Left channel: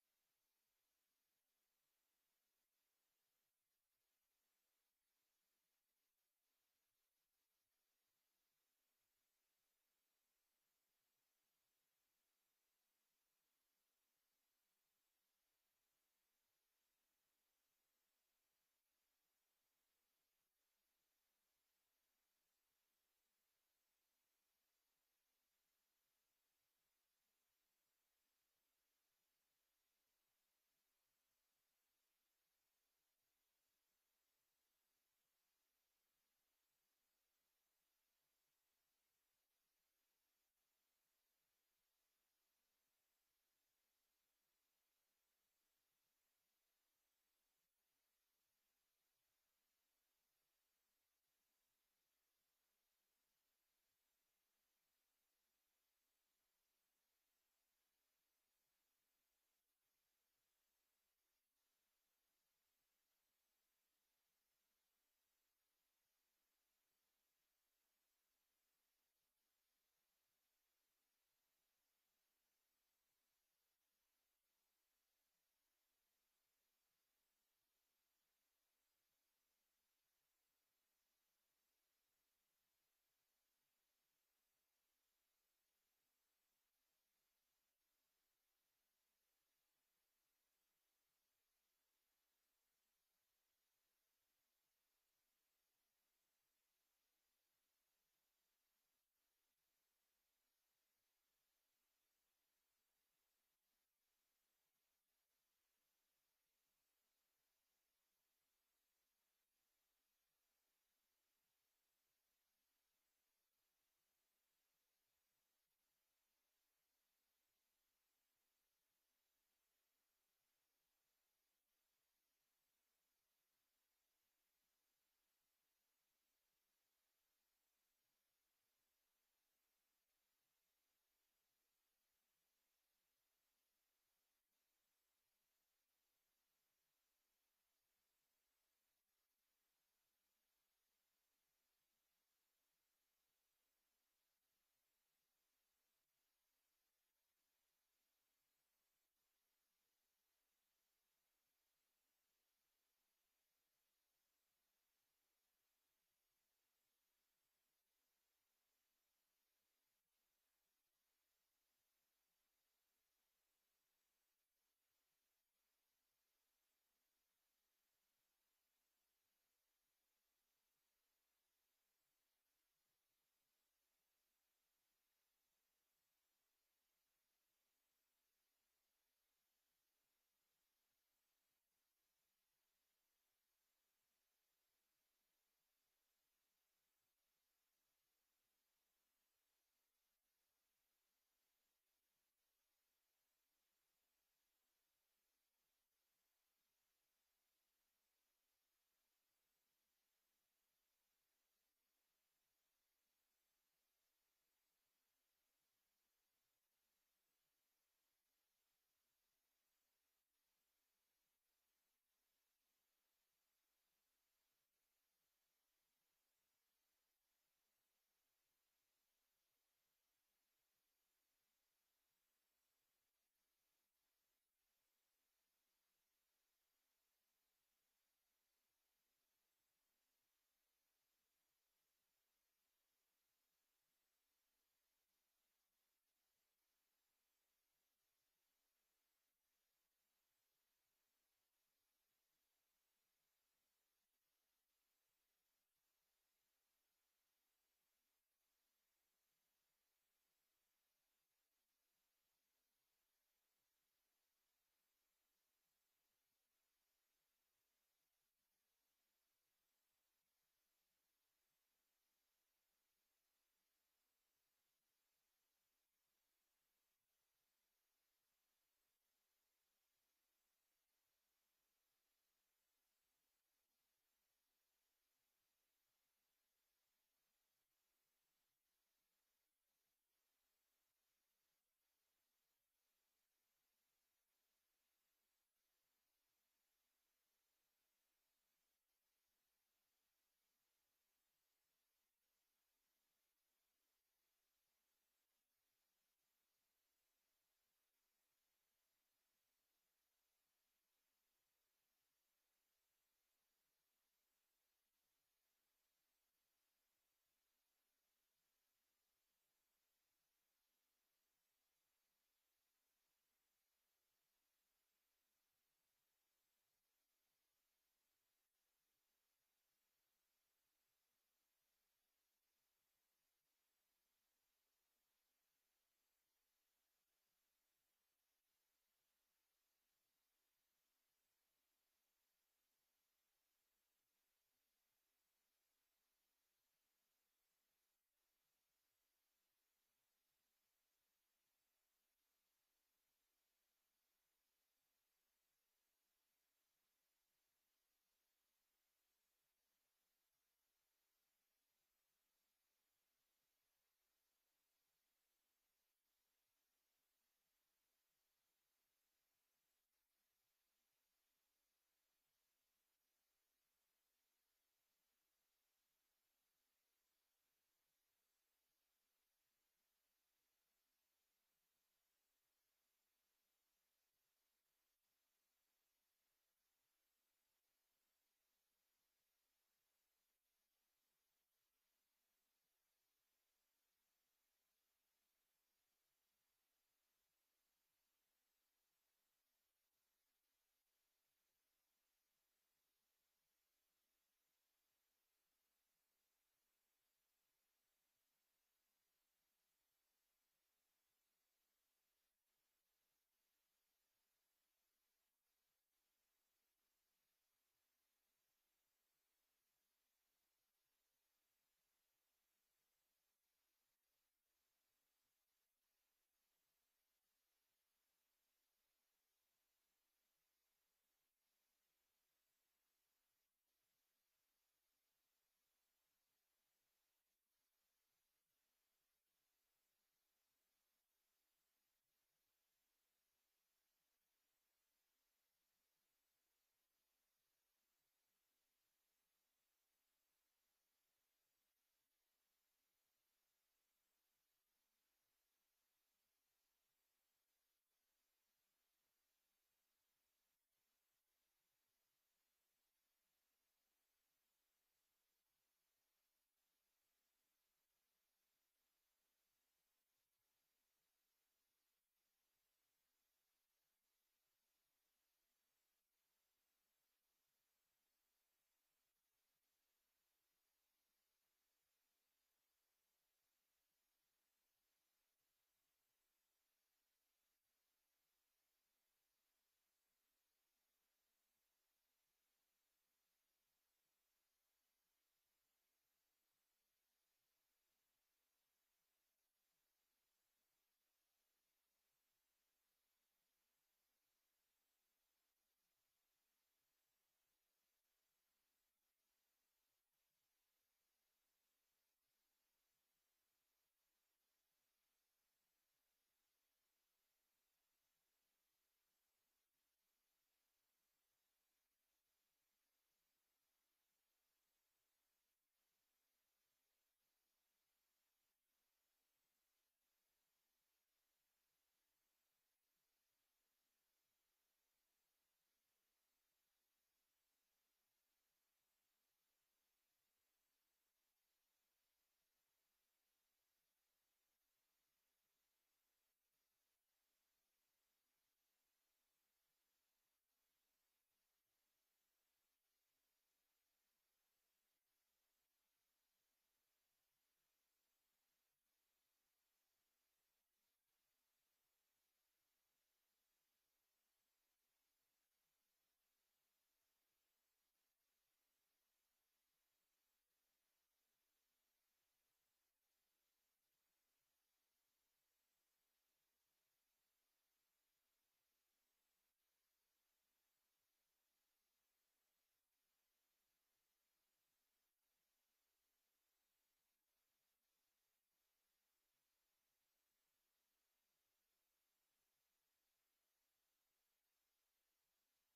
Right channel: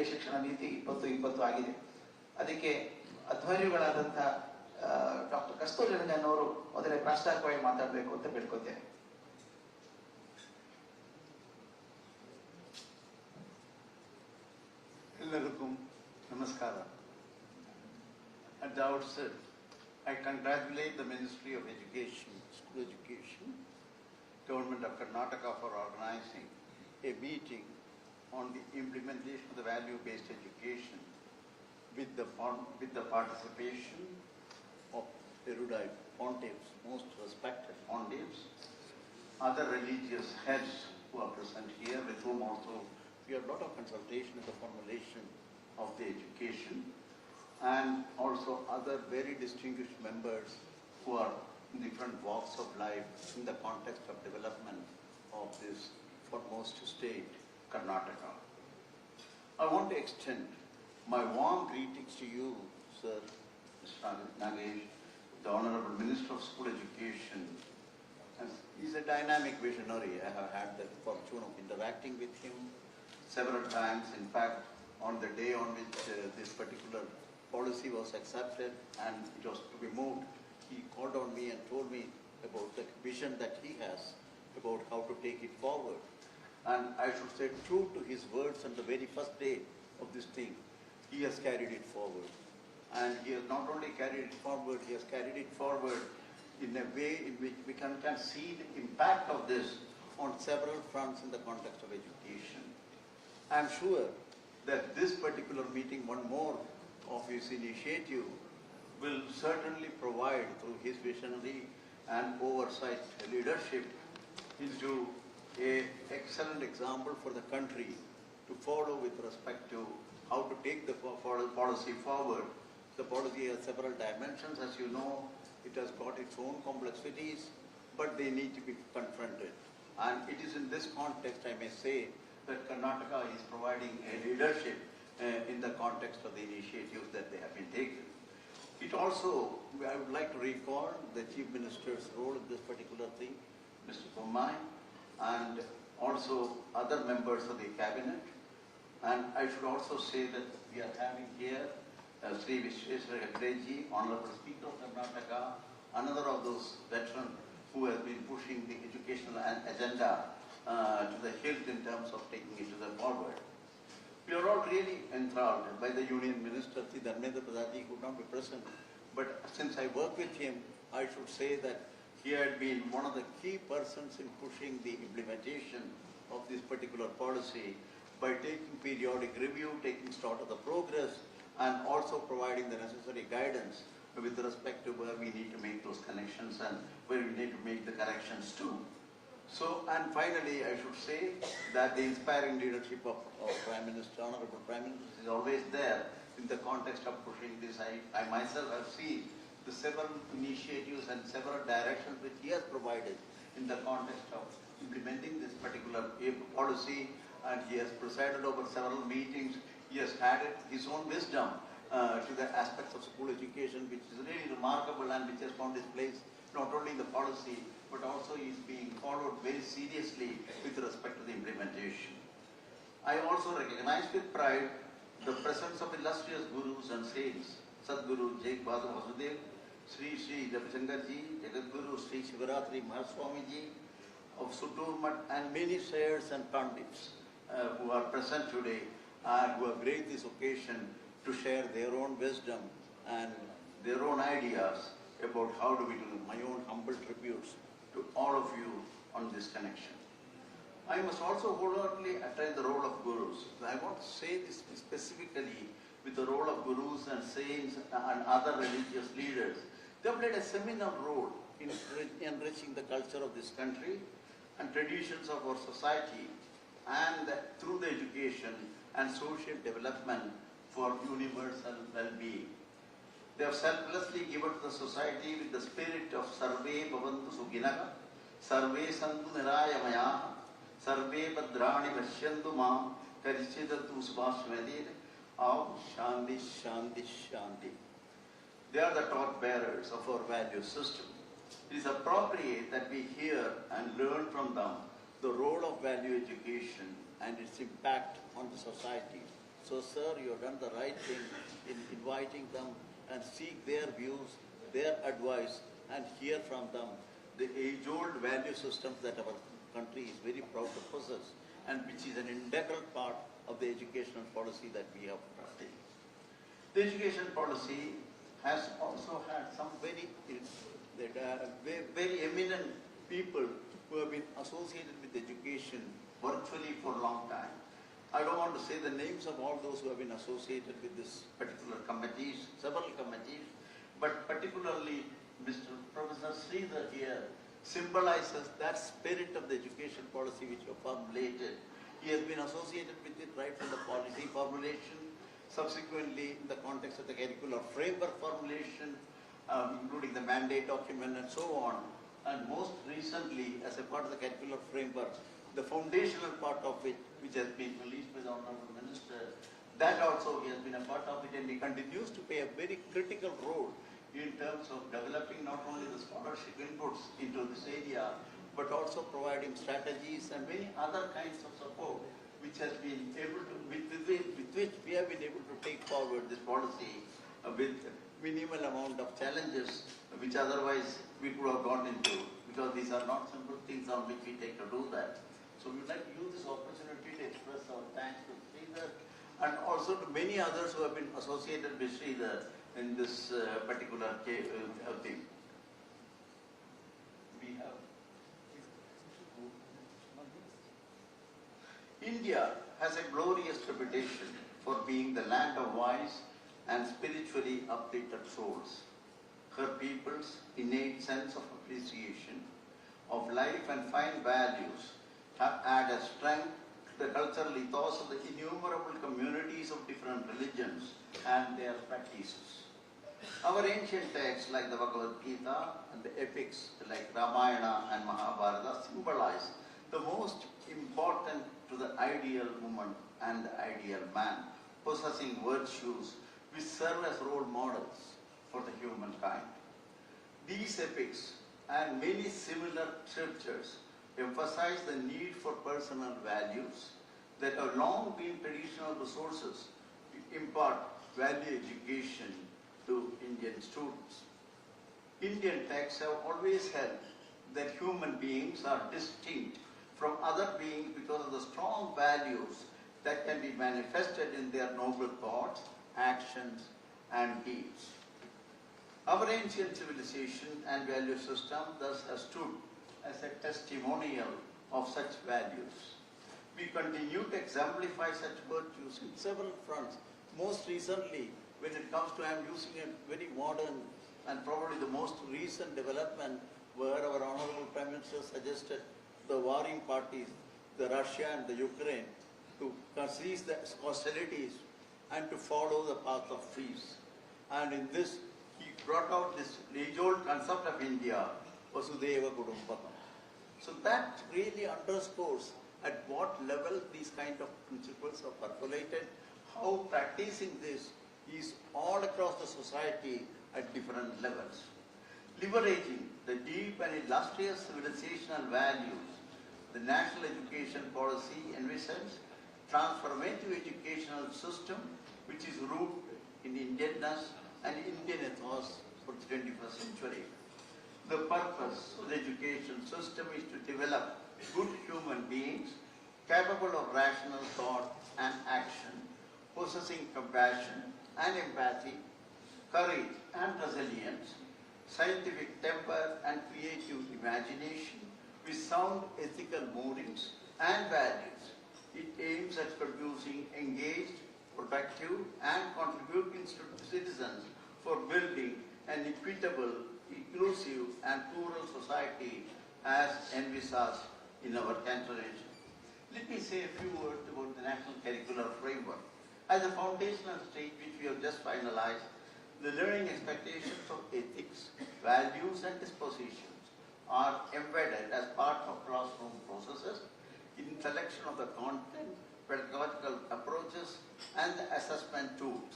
ರಾಷ್ಟ್ರೀಯ ಶಿಕ್ಷಣ ನೀತಿ 2020 ಆಗಿದೆ. ಅದಕ್ಕೆ ಅಧ್ವರ್ಯುಗಳಾದಂಥ ಡಾಕ್ಟರ್ ಕಸ್ತೂರಿ ರಂಗನ್ ಅವರು ಮೊದಲೇ ಪ್ರಾಸ್ತಾವಿಕವಾಗಿ ಮಾತಾಡಬೇಕು ಅಂತ ಬೇಡ್ಕೊತೇನೆ. ಎಲ್ಲರಿಗೂ ನಮಸ್ಕಾರ. At the outset, I congratulate the Ministry of Education, School Education, Government of Karnataka for organizing a meeting on the implementation of the value-based education with the participation of erudite pontiffs, most respected pontiffs, other religious heads who are present here, with whom also we have a lot of consultation in the formulation of the education, and also other very distinguished members who are in different walks of life in the context of development of this foremost state, Karnataka. I want to extend my warm greetings to you, Sir Mr. Nagesh, the Honorable Minister of School Education. He's a dynamic visionary. I have had the fortune of interacting with him several times. In fact, on the day on which this particular policy was accepted and it was to be moved, he called on me and told me about the vision that he has about how to take it forward. And I should say, true to his words on the very first day of this thing, he has carried it forward. And he has not only carried it forward, he has carried it forward in a way in which we can see the impact of this on several fronts in the context of education. I am sure that this particular meeting, one more of his initiative, will certainly provide, through his visionary and oversight leadership, into an excellent example for the country to follow with respect to how to take the policy forward. The policy has several dimensions, as you know. It has got its own complexities, but they need to be confronted. And it is in this context, I may say, that Karnataka is providing a leadership in the context of the initiatives that they have been taken. It also, I would like to recall the Chief Minister's role in this particular thing, Mr. Bommai, and also other members of the cabinet. And I should also say that we are having here Sri Vistara, Honorable Speaker of Karnataka, another of those veterans who has been pushing the educational agenda to the hilt in terms of taking it to the forward. We are all really enthralled by the Union Minister, Sri Dharmendra Pradhan, could not be present, but since I work with him, I should say that he had been one of the key persons in pushing the implementation of this particular policy by taking periodic review, taking stock of the progress, and also providing the necessary guidance with respect to where we need to make those connections and where we need to make the corrections too. So, and finally, I should say that the inspiring leadership of Prime Minister, Honorable Prime Minister, is always there in the context of pushing this. I myself have seen the several initiatives and several directions which he has provided in the context of implementing this particular policy, and he has presided over several meetings. He has added his own wisdom to the aspects of school education, which is really remarkable and which has found its place not only in the policy, but also is being followed very seriously with respect to the implementation. I also recognize with pride the presence of illustrious gurus and saints, Sadguru Jai Bhadu Vasudev, Sri Sri Ravishankar Ji, Jagadguru Sri Shivaratri Mahaswami Ji of Sutur Mat, and many saiyars and pandits who are present today and who have graced this occasion to share their own wisdom and their own ideas about how do we do. My own humble tributes to all of you on this connection. I must also wholeheartedly attend the role of gurus. I want to say this specifically with the role of gurus and saints and other religious leaders. They have played a seminal role in enriching the culture of this country and traditions of our society, and through the education and social development for universal well-being. They have selflessly given to the society with the spirit of Sarve Bhavantu Sukhinaha, Sarve Santu Nirayamayaha, Sarve Bhadrani Vashyantu Mam, Karichidatu Subhashvadir, Om Shanti Shanti Shanti. They are the torch bearers of our value system. It is appropriate that we hear and learn from them the role of value education and its impact on the society, So, sir, you have done the right thing in inviting them and seek their views, their advice, and hear from them the age-old value systems that our country is very proud to possess, and which is an integral part of the educational policy that we have taken. The education policy has also had some very eminent people who have been associated with education virtually for a long time. I don't want to say the names of all those who have been associated with this particular committees, several committees, but particularly Mr. Professor Sridhar here symbolizes that spirit of the education policy which you formulated. He has been associated with it right from the policy formulation, subsequently in the context of the curricular framework formulation, including the mandate document and so on, and most recently as a part of the curricular framework, the foundational part of it, which has been released by the Honorable Minister, that also he has been a part of it, and he continues to play a very critical role in terms of developing not only the scholarship inputs into this area, but also providing strategies and many other kinds of support which has been able to, with which we have been able to take forward this policy with minimal amount of challenges which otherwise we could have gone into, because these are not simple things on which we take to do that. So we would like to use this opportunity to express our thanks to Sridhar and also to many others who have been associated with Sridhar in this particular thing. We have India has a glorious reputation for being the land of wise and spiritually uplifted souls. Her people's innate sense of appreciation of life and fine values have added strength to the cultural ethos of the innumerable communities of different religions and their practices. Our ancient texts like the Bhagavad Gita and the epics like Ramayana and Mahabharata symbolize the most important to the ideal woman and the ideal man, possessing virtues which serve as role models for the humankind. These epics and many similar scriptures emphasize the need for personal values that have long been traditional resources to impart value education to Indian students. Indian texts have always held that human beings are distinct from other beings because of the strong values that can be manifested in their noble thoughts, actions, and deeds. Our ancient civilization and value system thus has stood as a testimonial of such values. We continue to exemplify such virtues in several fronts. Most recently, when it comes to, I'm using a very modern and probably the most recent development where our Honorable Prime Minister suggested the warring parties, the Russia and the Ukraine, to cease the hostilities and to follow the path of peace. And in this, he brought out this age-old concept of India, Vasudhaiva Kudumbakam. So that really underscores at what level these kind of principles are percolated, how practicing this is all across the society at different levels. Leveraging the deep and illustrious civilizational values, the national education policy envisions transformative educational system which is rooted in Indianness and Indian ethos for the 21st century. The purpose of the education system is to develop good human beings capable of rational thought and action, possessing compassion and empathy, courage and resilience, scientific temper and creative imagination, with sound ethical moorings and values. It aims at producing engaged, productive and contributing citizens for building an equitable, inclusive and plural society as envisaged in our constitution. Let me say a few words about the National Curricular Framework. As a foundational stage which we have just finalized, the learning expectations of ethics, values and dispositions are embedded as part of classroom processes in selection of the content, pedagogical approaches and the assessment tools.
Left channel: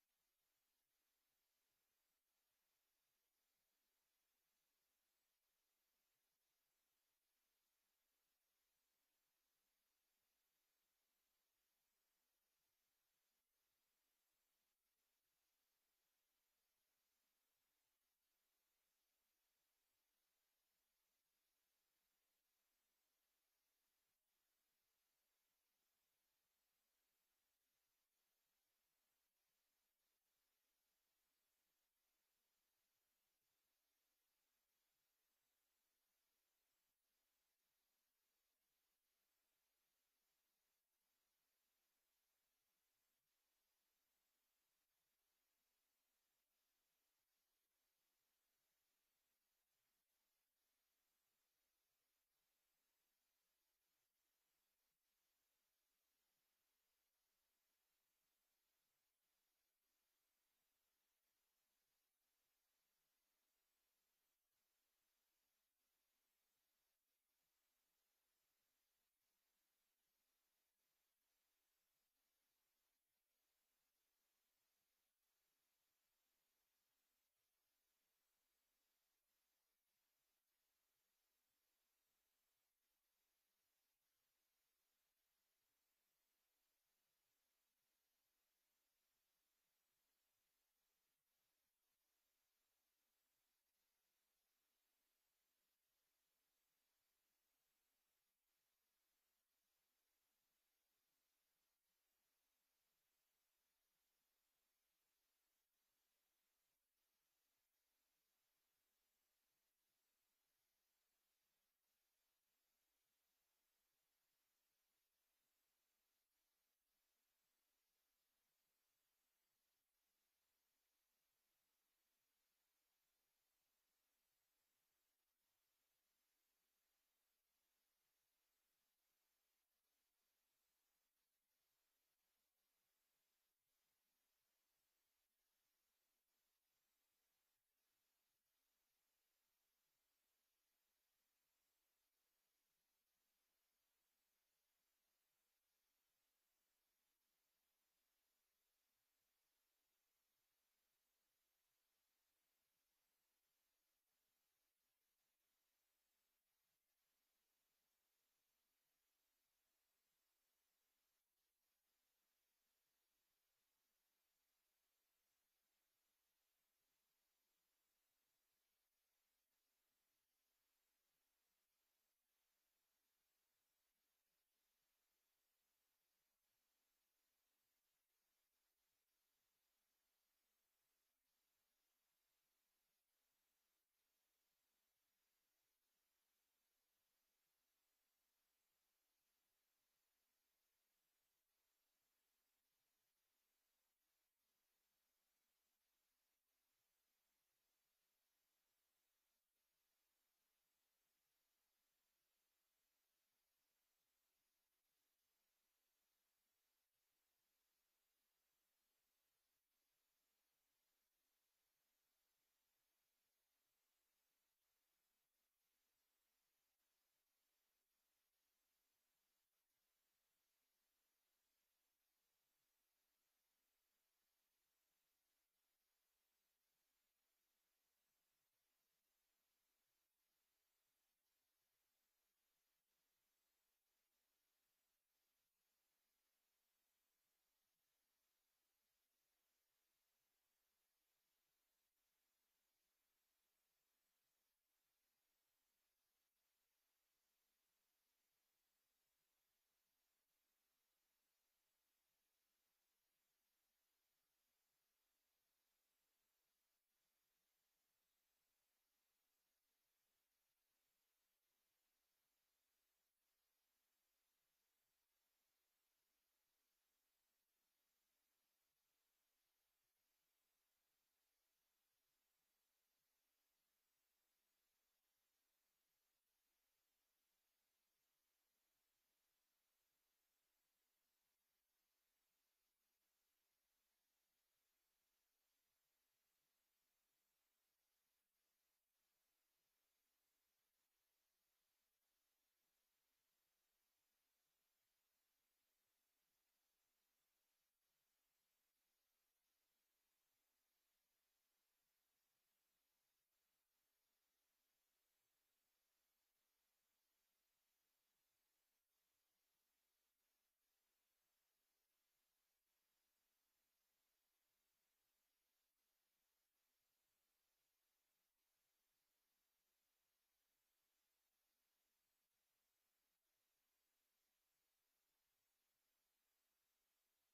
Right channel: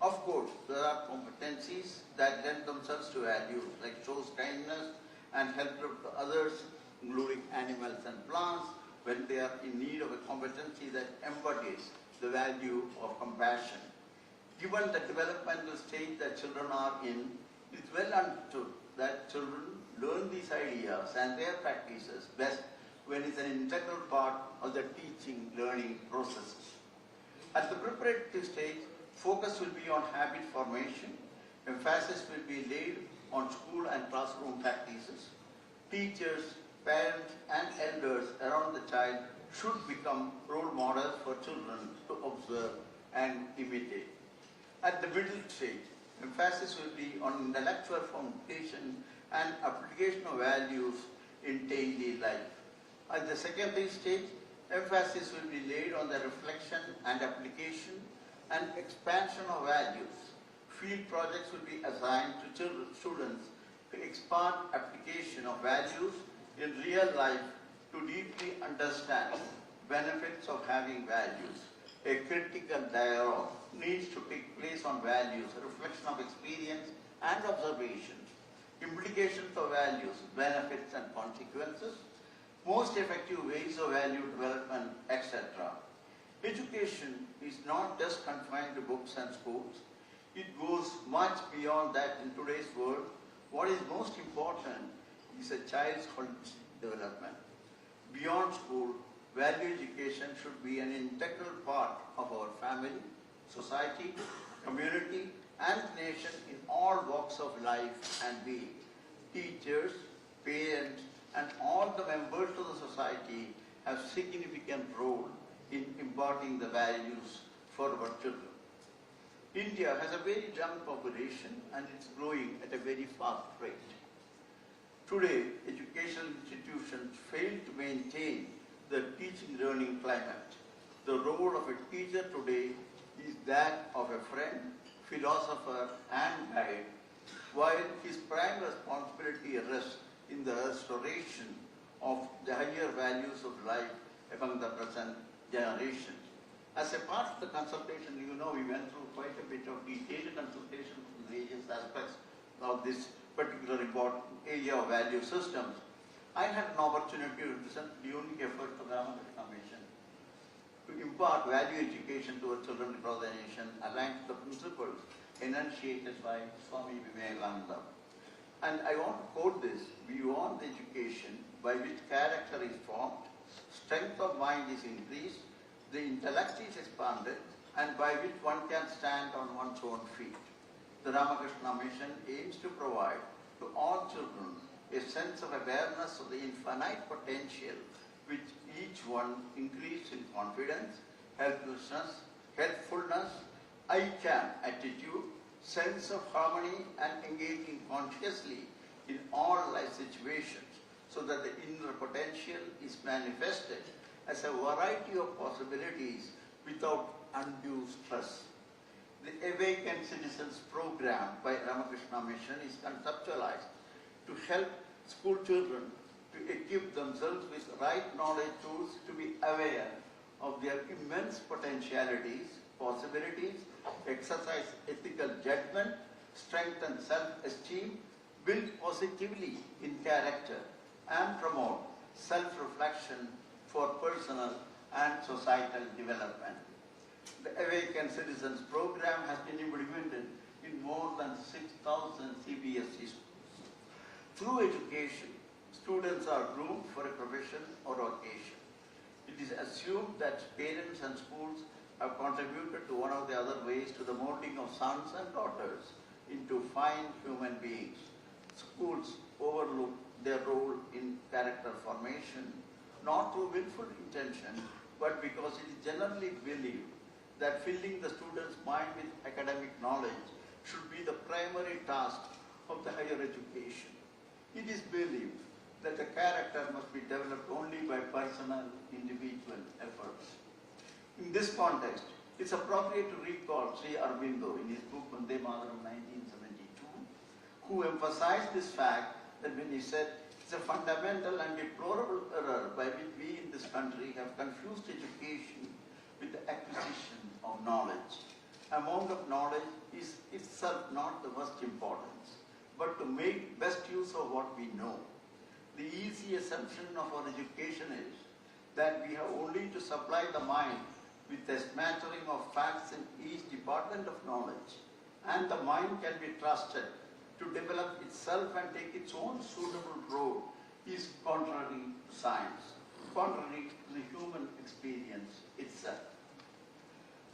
Of course, there are competencies that lend themselves to values like shows kindness and help to others, including animals and plants, when they are in need of a competency that embodies the value of compassion. Given the developmental stage that children are in, it is well understood that children learn these ideas and their practices best when it is an integral part of the teaching learning processes. At the preparatory stage, focus will be on habit formation. Emphasis will be laid on school and classroom practices. Teachers, parents and elders around the child should become role models for children to observe and imitate. At the middle stage, emphasis will be on intellectual foundation and application of values in daily life. At the secondary stage, emphasis will be laid on the reflection and application and expansion of values. Field projects will be assigned to students to expand application of values in real life to deeply understand benefits of having values. A critical dialogue needs to take place on values, a reflection of experience and observations, implications of values, benefits and consequences, most effective ways of value development, etc. Education is not just confined to books and schools. It goes much beyond that in today's world. What is most important is a child's holistic development. Beyond school, value education should be an integral part of our family, society, community, and nation in all walks of life and being. Teachers, parents, and all the members of the society have significant role in imparting the values for our children. India has a very young population and it's growing at a very fast rate. Today, educational institutions fail to maintain the teaching learning climate. The role of a teacher today is that of a friend, philosopher and guide, while his prime responsibility rests in the restoration of the higher values of life among the present generation. As a part of the consultation, you know, we went through quite a bit of detailed consultation on various aspects of this particular important area of value systems. I had an opportunity to present the unique effort of the Ramakrishna Mission to impart value education to our children across the nation aligned to the principles enunciated by Swami Vivekananda. And I want to quote this: beyond the education by which character is formed, strength of mind is increased, the intellect is expanded, and by which one can stand on one's own feet. The Ramakrishna Mission aims to provide to all children a sense of awareness of the infinite potential which each one increase in confidence, helpfulness, I can attitude, sense of harmony and engaging consciously in all life situations so that the inner potential is manifested as a variety of possibilities without undue stress. The Awakened Citizens program by Ramakrishna Mission is conceptualized to help school children to equip themselves with right knowledge tools to be aware of their immense potentialities, possibilities, exercise ethical judgment, strengthen self-esteem, build positively in character, and promote self-reflection for personal and societal development. The Awakened Citizens program has been implemented in more than 6,000 CBSE schools. Through education, students are groomed for a profession or vocation. It is assumed that parents and schools have contributed to one or the other ways to the molding of sons and daughters into fine human beings. Schools overlook their role in character formation, not through willful intention, but because it is generally believed that filling the student's mind with academic knowledge should be the primary task of the higher education. It is believed that the character must be developed only by personal, individual efforts. In this context, it's appropriate to recall Sri Aurobindo in his book Vande Mataram 1972, who emphasized this fact that when he said, it's a fundamental and deplorable error by which we in this country have confused education with the acquisition of knowledge. Amount of knowledge is itself not the most importance, but to make best use of what we know. The easy assumption of our education is that we have only to supply the mind with a smattering of development of knowledge, and the mind can be trusted to develop itself and take its own suitable road, is contrary to science, contrary to the human experience itself.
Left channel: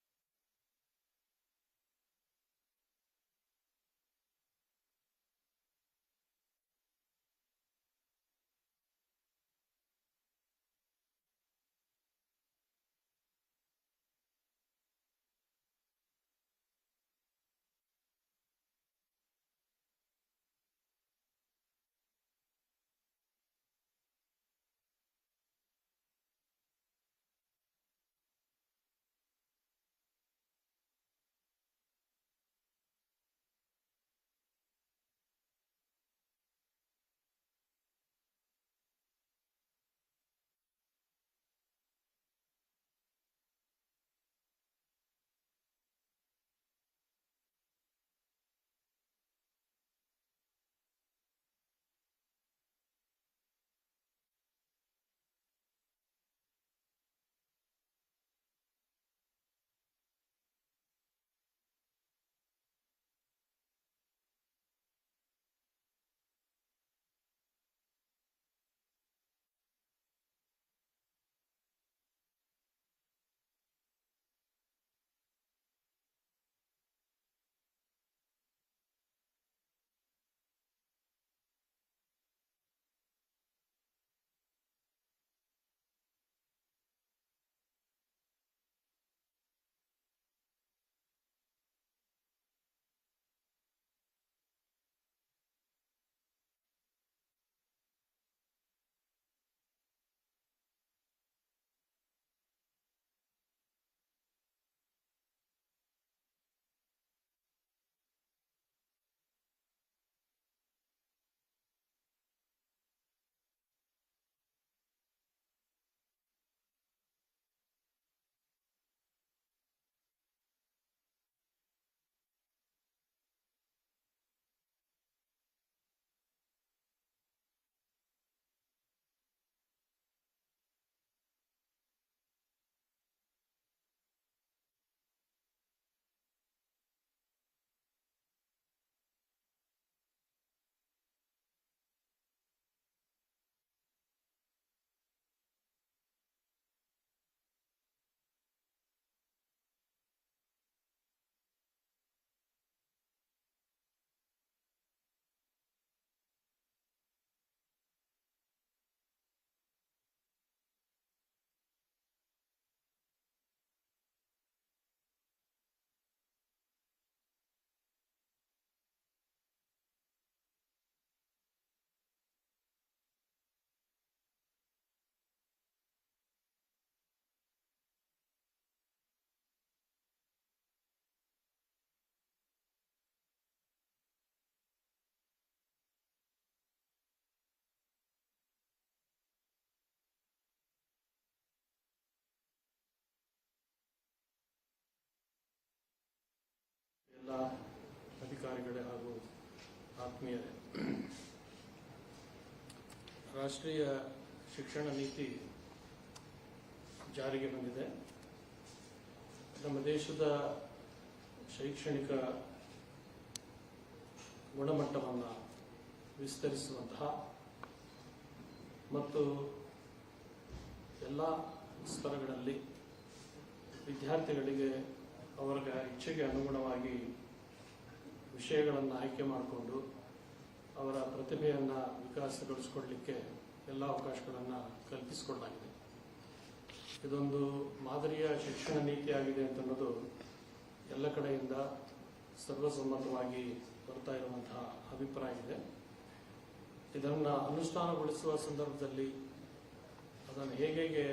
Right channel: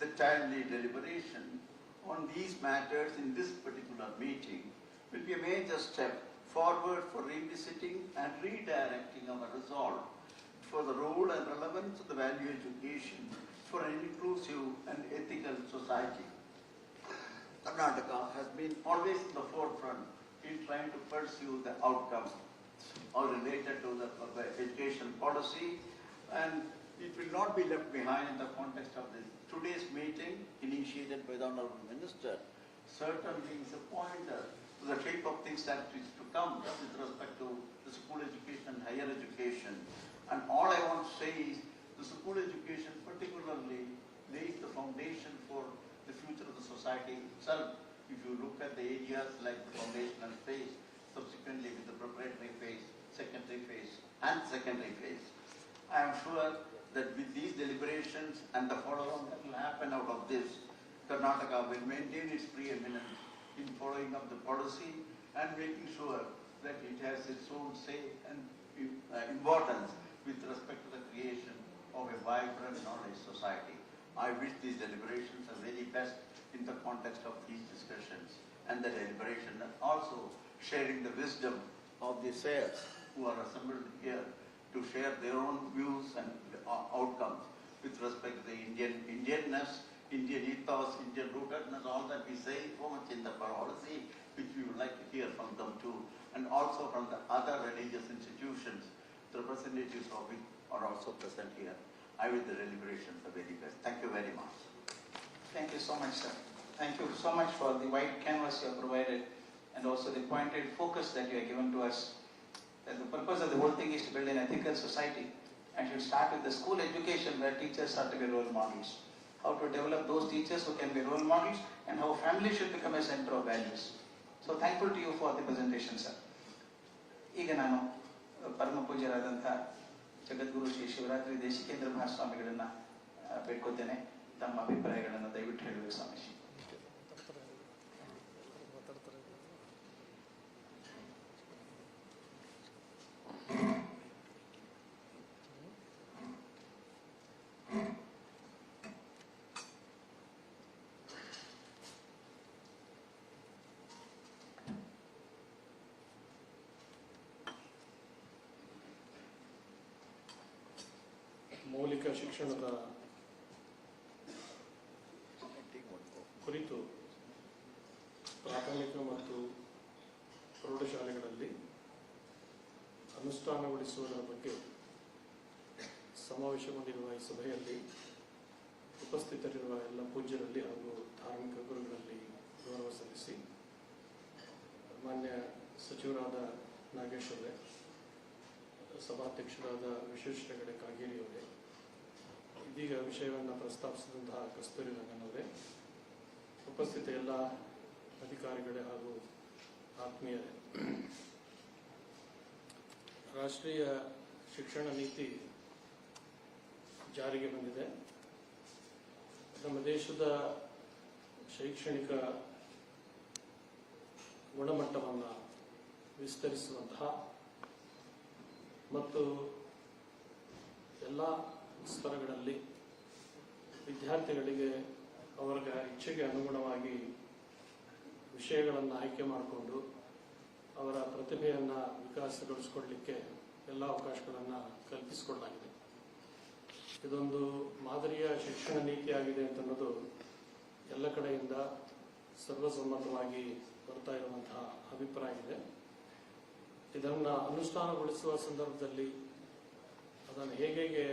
The timely deliberation on these matters in this particular meeting will be a major step forward for revisiting and redirecting our resolve for the role and relevance of the value education for an inclusive and ethical society. Karnataka has been always in the forefront in trying to pursue the outcome or related to the education policy, and it will not be left behind in the context of this. Today's meeting, initiated by the Honorable Minister, certainly is a pointer to the shape of things that is to come with respect to the school education and higher education. And all I want to say is the school education particularly lays the foundation for the future of the society itself. If you look at the areas like the foundational phase, subsequently with the preparatory phase, secondary phase, and secondary phase, I am sure that with these deliberations and the follow-on that will happen out of this, Karnataka will maintain its preeminence in following up the policy and making sure that it has its own say and importance with respect to the creation of a vibrant knowledge society. I wish these deliberations are very best in the context of these discussions and the deliberation, and also sharing the wisdom of the sayers who are assembled here to share their own views and outcomes with respect to the Indianness, Indian ethos, Indian rootedness, all that we say so much in the policy, which we would like to hear from them too, and also from the other religious institutions, the representatives of which are also present here. I wish the deliberations are very best. Thank you very much. Thank you so much, sir. Thank you so much for the wide canvas you have provided and also the pointed focus that you have given to us. That the purpose of the whole thing is to build an ethical society, and should start with the school education where teachers are to be role models. How to develop those teachers who can be role models, and how family should become a center of values. So thankful to you for the presentation, sir. ಈಗ ನಾನು ಪರಮ ಪೂಜ್ಯರಾದಂಥ ಜಗದ್ಗುರು ಶ್ರೀ ಶಿವರಾತ್ರಿ ದೇಶಿಕೇಂದ್ರ ಮಹಾಸ್ವಾಮಿಗಳನ್ನ ಬೇಡ್ಕೊತೇನೆ. ತಮ್ಮ ಅಭಿಪ್ರಾಯಗಳನ್ನು ದಯವಿಟ್ಟು ಹೇಳಬೇಕು ಸ್ವಾಮೀಜಿ. ಮೌಲಿಕ ಶಿಕ್ಷಣದ ಕುರಿತು ಪ್ರಾಥಮಿಕ ಮತ್ತು ಪ್ರೌಢಶಾಲೆಗಳಲ್ಲಿ ಅನುಷ್ಠಾನಗೊಳಿಸುವುದರ ಬಗ್ಗೆ ಸಮಾವೇಶಗೊಂಡಿರುವ ಈ ಸಭೆಯಲ್ಲಿ ಉಪಸ್ಥಿತರಿರುವ ಎಲ್ಲ ಪೂಜ್ಯರಲ್ಲಿ ಹಾಗೂ ಧಾರ್ಮಿಕ ಗುರುಗಳಲ್ಲಿ ಗೌರವ ಸಲ್ಲಿಸಿ, ಮಾನ್ಯ ಸಚಿವರಾದ ನಾಗೇಶ್ ಅವರೇ, ಸಭಾಧ್ಯಕ್ಷರಾದ ವಿಶ್ವೇಶ್ವರ ಹೆಗಡೆ ಕಾಗೇರಿ ಅವರೇ, ಇದೀಗ ವಿಷಯವನ್ನು ಪ್ರಸ್ತಾಪಿಸಿದಂತಹ ಕಸ್ತೂರಿ ರಂಗನ್ ಅವರೇ, ಉಪಸ್ಥಿತ ಎಲ್ಲ ಅಧಿಕಾರಿಗಳೇ ಹಾಗೂ ಆತ್ಮೀಯರೇ, ರಾಷ್ಟ್ರೀಯ ಶಿಕ್ಷಣ ನೀತಿ ಜಾರಿಗೆ ಬಂದಿದೆ. ನಮ್ಮ ದೇಶದ ಶೈಕ್ಷಣಿಕ ಗುಣಮಟ್ಟವನ್ನು ವಿಸ್ತರಿಸುವಂತಹ ಮತ್ತು ಎಲ್ಲ ಸ್ತರಗಳಲ್ಲಿ ವಿದ್ಯಾರ್ಥಿಗಳಿಗೆ ಅವರ ಇಚ್ಛೆಗೆ ಅನುಗುಣವಾಗಿ ವಿಷಯಗಳನ್ನು ಆಯ್ಕೆ ಮಾಡಿಕೊಂಡು ಅವರ ಪ್ರತಿಭೆಯನ್ನು ವಿಕಾಸಗೊಳಿಸಿಕೊಳ್ಳಲಿಕ್ಕೆ ಎಲ್ಲ ಅವಕಾಶಗಳನ್ನು ಕಲ್ಪಿಸಿಕೊಡಲಾಗಿದೆ. ಇದೊಂದು ಮಾದರಿಯ ಶಿಕ್ಷಣ ನೀತಿಯಾಗಿದೆ ಅಂತನ್ನೋದು ಎಲ್ಲ ಕಡೆಯಿಂದ ಸರ್ವಸಮ್ಮತವಾಗಿ ಬರ್ತಾ ಇರುವಂತಹ ಅಭಿಪ್ರಾಯ ಇದೆ. ಇದನ್ನು ಅನುಷ್ಠಾನಗೊಳಿಸುವ ಸಂದರ್ಭದಲ್ಲಿ ಅದನ್ನು ಹೇಗೆ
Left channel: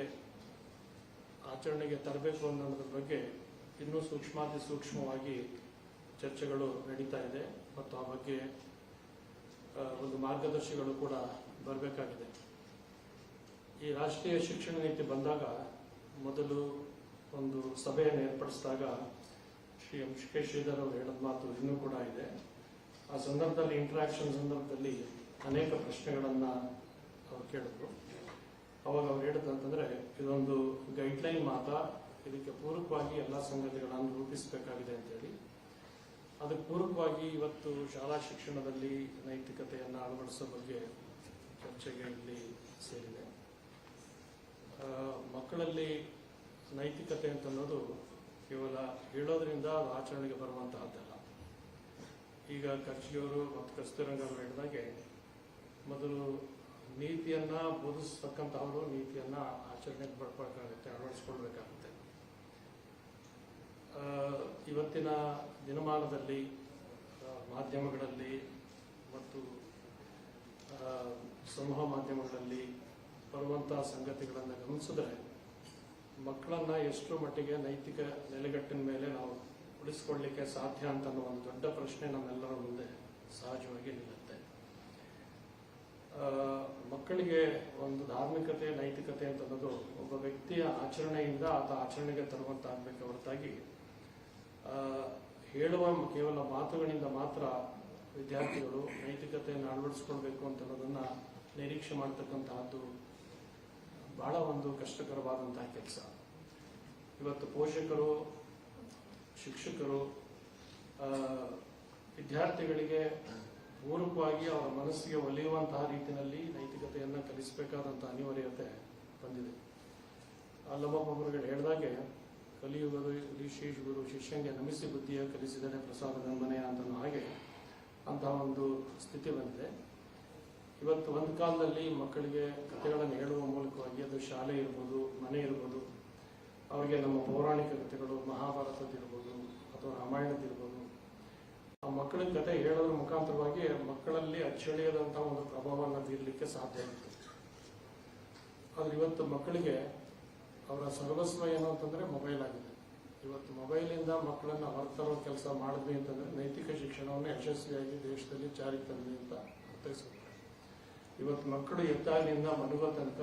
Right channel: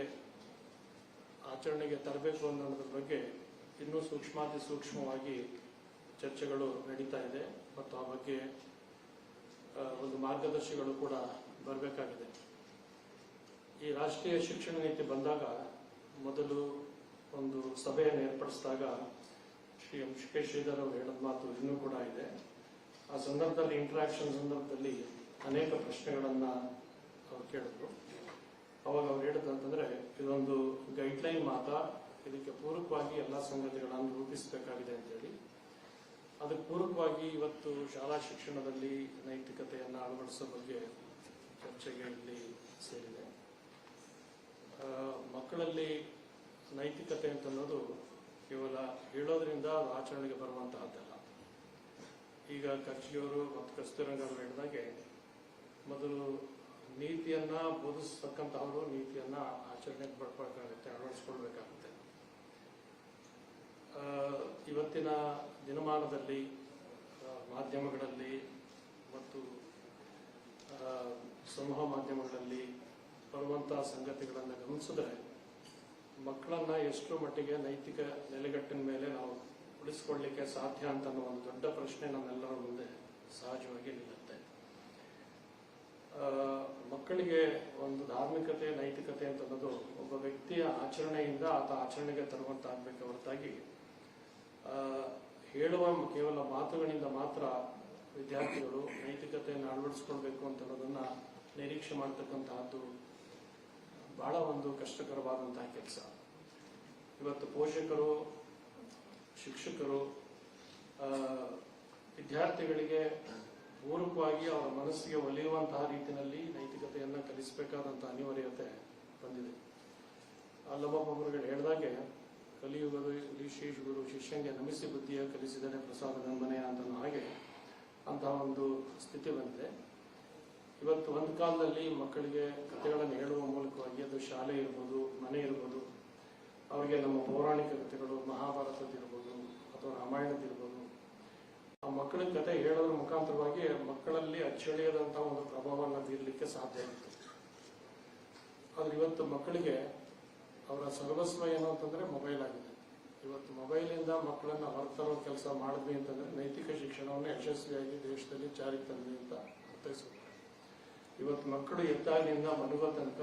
ಆಚರಣೆಗೆ ತರಬೇಕು ಅನ್ನೋದ್ರ ಬಗ್ಗೆ ಇನ್ನೂ ಸೂಕ್ಷ್ಮಾತಿ ಸೂಕ್ಷ್ಮವಾಗಿ ಚರ್ಚೆಗಳು ನಡೀತಾ ಇದೆ ಮತ್ತು ಆ ಬಗ್ಗೆ ಒಂದು ಮಾರ್ಗದರ್ಶಿಗಳು ಕೂಡ ಬರಬೇಕಾಗಿದೆ. ಈ ರಾಷ್ಟ್ರೀಯ ಶಿಕ್ಷಣ ನೀತಿ ಬಂದಾಗ ಮೊದಲು ಒಂದು ಸಭೆಯನ್ನು ಏರ್ಪಡಿಸಿದಾಗ ಶ್ರೀ ಎಂ ಕೆ ಶ್ರೀಧರ್ ಅವರು ಹೇಳಿದ ಮಾತು ಇನ್ನೂ ಕೂಡ ಇದೆ. ಆ ಸಂದರ್ಭದಲ್ಲಿ ಇಂಟ್ರಾಕ್ಷನ್ ಸಂದರ್ಭದಲ್ಲಿ ಅನೇಕ ಪ್ರಶ್ನೆಗಳನ್ನು ಅವ್ರು ಕೇಳಿದ್ರು. ಅವಾಗ ಅವ್ರು ಹೇಳಿದಂತಂದ್ರೆ ಇದೊಂದು ಗೈಡ್ಲೈನ್ ಮಾತ್ರ, ಇದಕ್ಕೆ ಪೂರಕವಾಗಿ ಎಲ್ಲ ಸಂಗತಿಗಳನ್ನು ರೂಪಿಸಬೇಕಾಗಿದೆ ಅಂತೇಳಿ, ಅದಕ್ಕೆ ಪೂರಕವಾಗಿ ಇವತ್ತು ಶಾಲಾ ಶಿಕ್ಷಣದಲ್ಲಿ ನೈತಿಕತೆಯನ್ನು ಅಳವಡಿಸೋ ಬಗ್ಗೆ ಚರ್ಚೆಗೆ ಇಲ್ಲಿ ಸೇರಿದೆ. ಮಕ್ಕಳಲ್ಲಿ ನೈತಿಕತೆ ಅಂತನ್ನೋದು ಕೇವಲ ಹೇಳೋದ್ರಿಂದ ಅದು ಆಚರಣೆಗೆ ಬರುವಂತಹದ್ದಲ್ಲ. ಈಗ ಖರ್ಚಿಯವರು ಮತ್ತು ಕಸ್ತೂರಂಗ ಅವರು ಹೇಳಿದಾಗೆ ಮೊದಲು ನೀತಿಯನ್ನ ಬೋಧಿಸ್ತಕ್ಕಂತಹವರು ನೀತಿಯನ್ನ ಆಚರಣೆಗೆ ಬರ್ಬೇಕಾಗುತ್ತೆ, ಅಳವಡಿಸ್ಕೊಳ್ಬೇಕಾಗುತ್ತೆ. ಇವತ್ತಿನ ದಿನಮಾನದಲ್ಲಿ ಮಾಧ್ಯಮಗಳಲ್ಲಿ ಮತ್ತು ಸಮೂಹ ಮಾಧ್ಯಮಗಳಲ್ಲಿ ಬರುವಂತಹ ಸಂಗತಿಗಳನ್ನು ಗಮನಿಸಿದ್ರೆ ಮಕ್ಕಳನ್ನ ಎಷ್ಟು ಮಟ್ಟಿಗೆ ನೈತಿಕ ನೆಲೆಗಟ್ಟಿನ ಮೇಲೆ ನಾವು ಉಳಿಸ್ಕೊಳ್ಳಿಕ್ಕೆ ಸಾಧ್ಯ ಅಂತ ಅನ್ನೋ ಒಂದು ದೊಡ್ಡ ಪ್ರಶ್ನೆ ನಮ್ಮೆಲ್ಲರ ಮುಂದೆ ಸಹಜವಾಗಿ ನಿಲ್ಲುತ್ತೆ. ಮಕ್ಕಳಿಗೆ ಒಂದು ಧಾರ್ಮಿಕತೆ ನೈತಿಕತೆ ಅಂತ ಅನ್ನೋದು ಒಬ್ಬ ವ್ಯಕ್ತಿಯ ಆಚರಣೆಯಿಂದ ಆತ ಆಚರಣೆಗೆ ತರುವಂತಾಗಬೇಕು ಹೊರತಾಗಿ ಹೇಳುವ ಕೇವಲ ಮಾತುಗಳಿಂದ ಮಾತ್ರ ವಿದ್ಯಾರ್ಥಿಗಳು ನೈತಿಕತೆಯನ್ನು ಅಳವಡಿಸ್ಕೊಳ್ಬೇಕು ಅಂತ ಅನ್ನೋದನ್ನ ನಿರೀಕ್ಷೆ ಮಾಡತಕ್ಕಂತಹದ್ದು ಬಹಳ ಒಂದು ಕಷ್ಟಕರವಾದಂತಹ ಕೆಲಸ. ಇವತ್ತು ಪೋಷಕರು, ಶಿಕ್ಷಕರು ವಿದ್ಯಾರ್ಥಿಗಳಿಗೆ ಪೂರಕವಾಗಿ ಅವರ ಮನಸ್ಸಿಗೆ ಒಲಿಯುವಂತಹ ರೀತಿಯಲ್ಲಿ ನೈತಿಕತೆಯನ್ನು ಕಲಿಸಬೇಕಾದಂತಹ ಅನಿವಾರ್ಯತೆ ಬಂದಿದೆ. ಅಲ್ಲೊಬ್ಬೊಬ್ಬರು ಹೇಳಿದಾಗೆ ಕಲಿಯುವುದು ಶ್ರೀ ಗುರು ಶಿಷ್ಯಂಗೆ ನಮಿಸಿ ಬುದ್ಧಿಯ ಕಲಿಸಿದರೆ ಪ್ರಸಾದದ ಮನೆಯ ಅಂತ ಹಾಗೆ ಅಂತಹ ಒಂದು ಸ್ಥಿತಿ ಬಂದಿದೆ. ಇವತ್ತು ಒಂದು ಕಾಲದಲ್ಲಿ ಮಕ್ಕಳಿಗೆ ಕಥೆಗಳನ್ನು ಹೇಳುವ ಮೂಲಕವಾಗಿ ಅದು ಶಾಲೆ ಇರ್ಬೋದು, ಮನೆ ಇರ್ಬೋದು, ಅವರಿಗೆ ನಮ್ಮ ಪೌರಾಣಿಕ ಕಥೆಗಳು ಮಹಾಭಾರತದಿರ್ಬೋದು ಅಥವಾ ರಾಮಾಯಣದಿರ್ಬೋದು, ಆ ಮಕ್ಕಳಿಗೆ ಕಥೆ ಹೇಳೋದ್ರ ಮುಖಾಂತರವಾಗಿ ಮಕ್ಕಳಲ್ಲಿ ಅಚ್ಚಳಿಯದಂತಹ ಒಂದು ಪ್ರಭಾವವನ್ನು ಬೀರಲಿಕ್ಕೆ ಸಾಧ್ಯ ಇತ್ತು. ಆದ್ರೆ ಇವತ್ತು ಮಕ್ಕಳಿಗೆ ಅವರ ಸರ್ವಸ್ವ ಏನು ಅಂತಂದ್ರೆ ಮೊಬೈಲ್ ಆಗಿದೆ. ಇವತ್ತು ಮೊಬೈಲಿಂದ ಮಕ್ಕಳನ್ನ ಹೊರತರೋ ಕೆಲಸ ಮಾಡಿದ್ವಿ ಅಂತಂದ್ರೆ ನೈತಿಕ ಶಿಕ್ಷಣವನ್ನು ಯಶಸ್ವಿಯಾಗಿ ದೇಶದಲ್ಲಿ ಜಾರಿಗೆ ತಂದ್ವಿ ಅಂತ ಅರ್ಥೈಸಬೇಕು. ಇವತ್ತು ಮಕ್ಕಳು ಎದ್ದಾಗಿನಿಂದ ಮಲಗೋ ತನಕ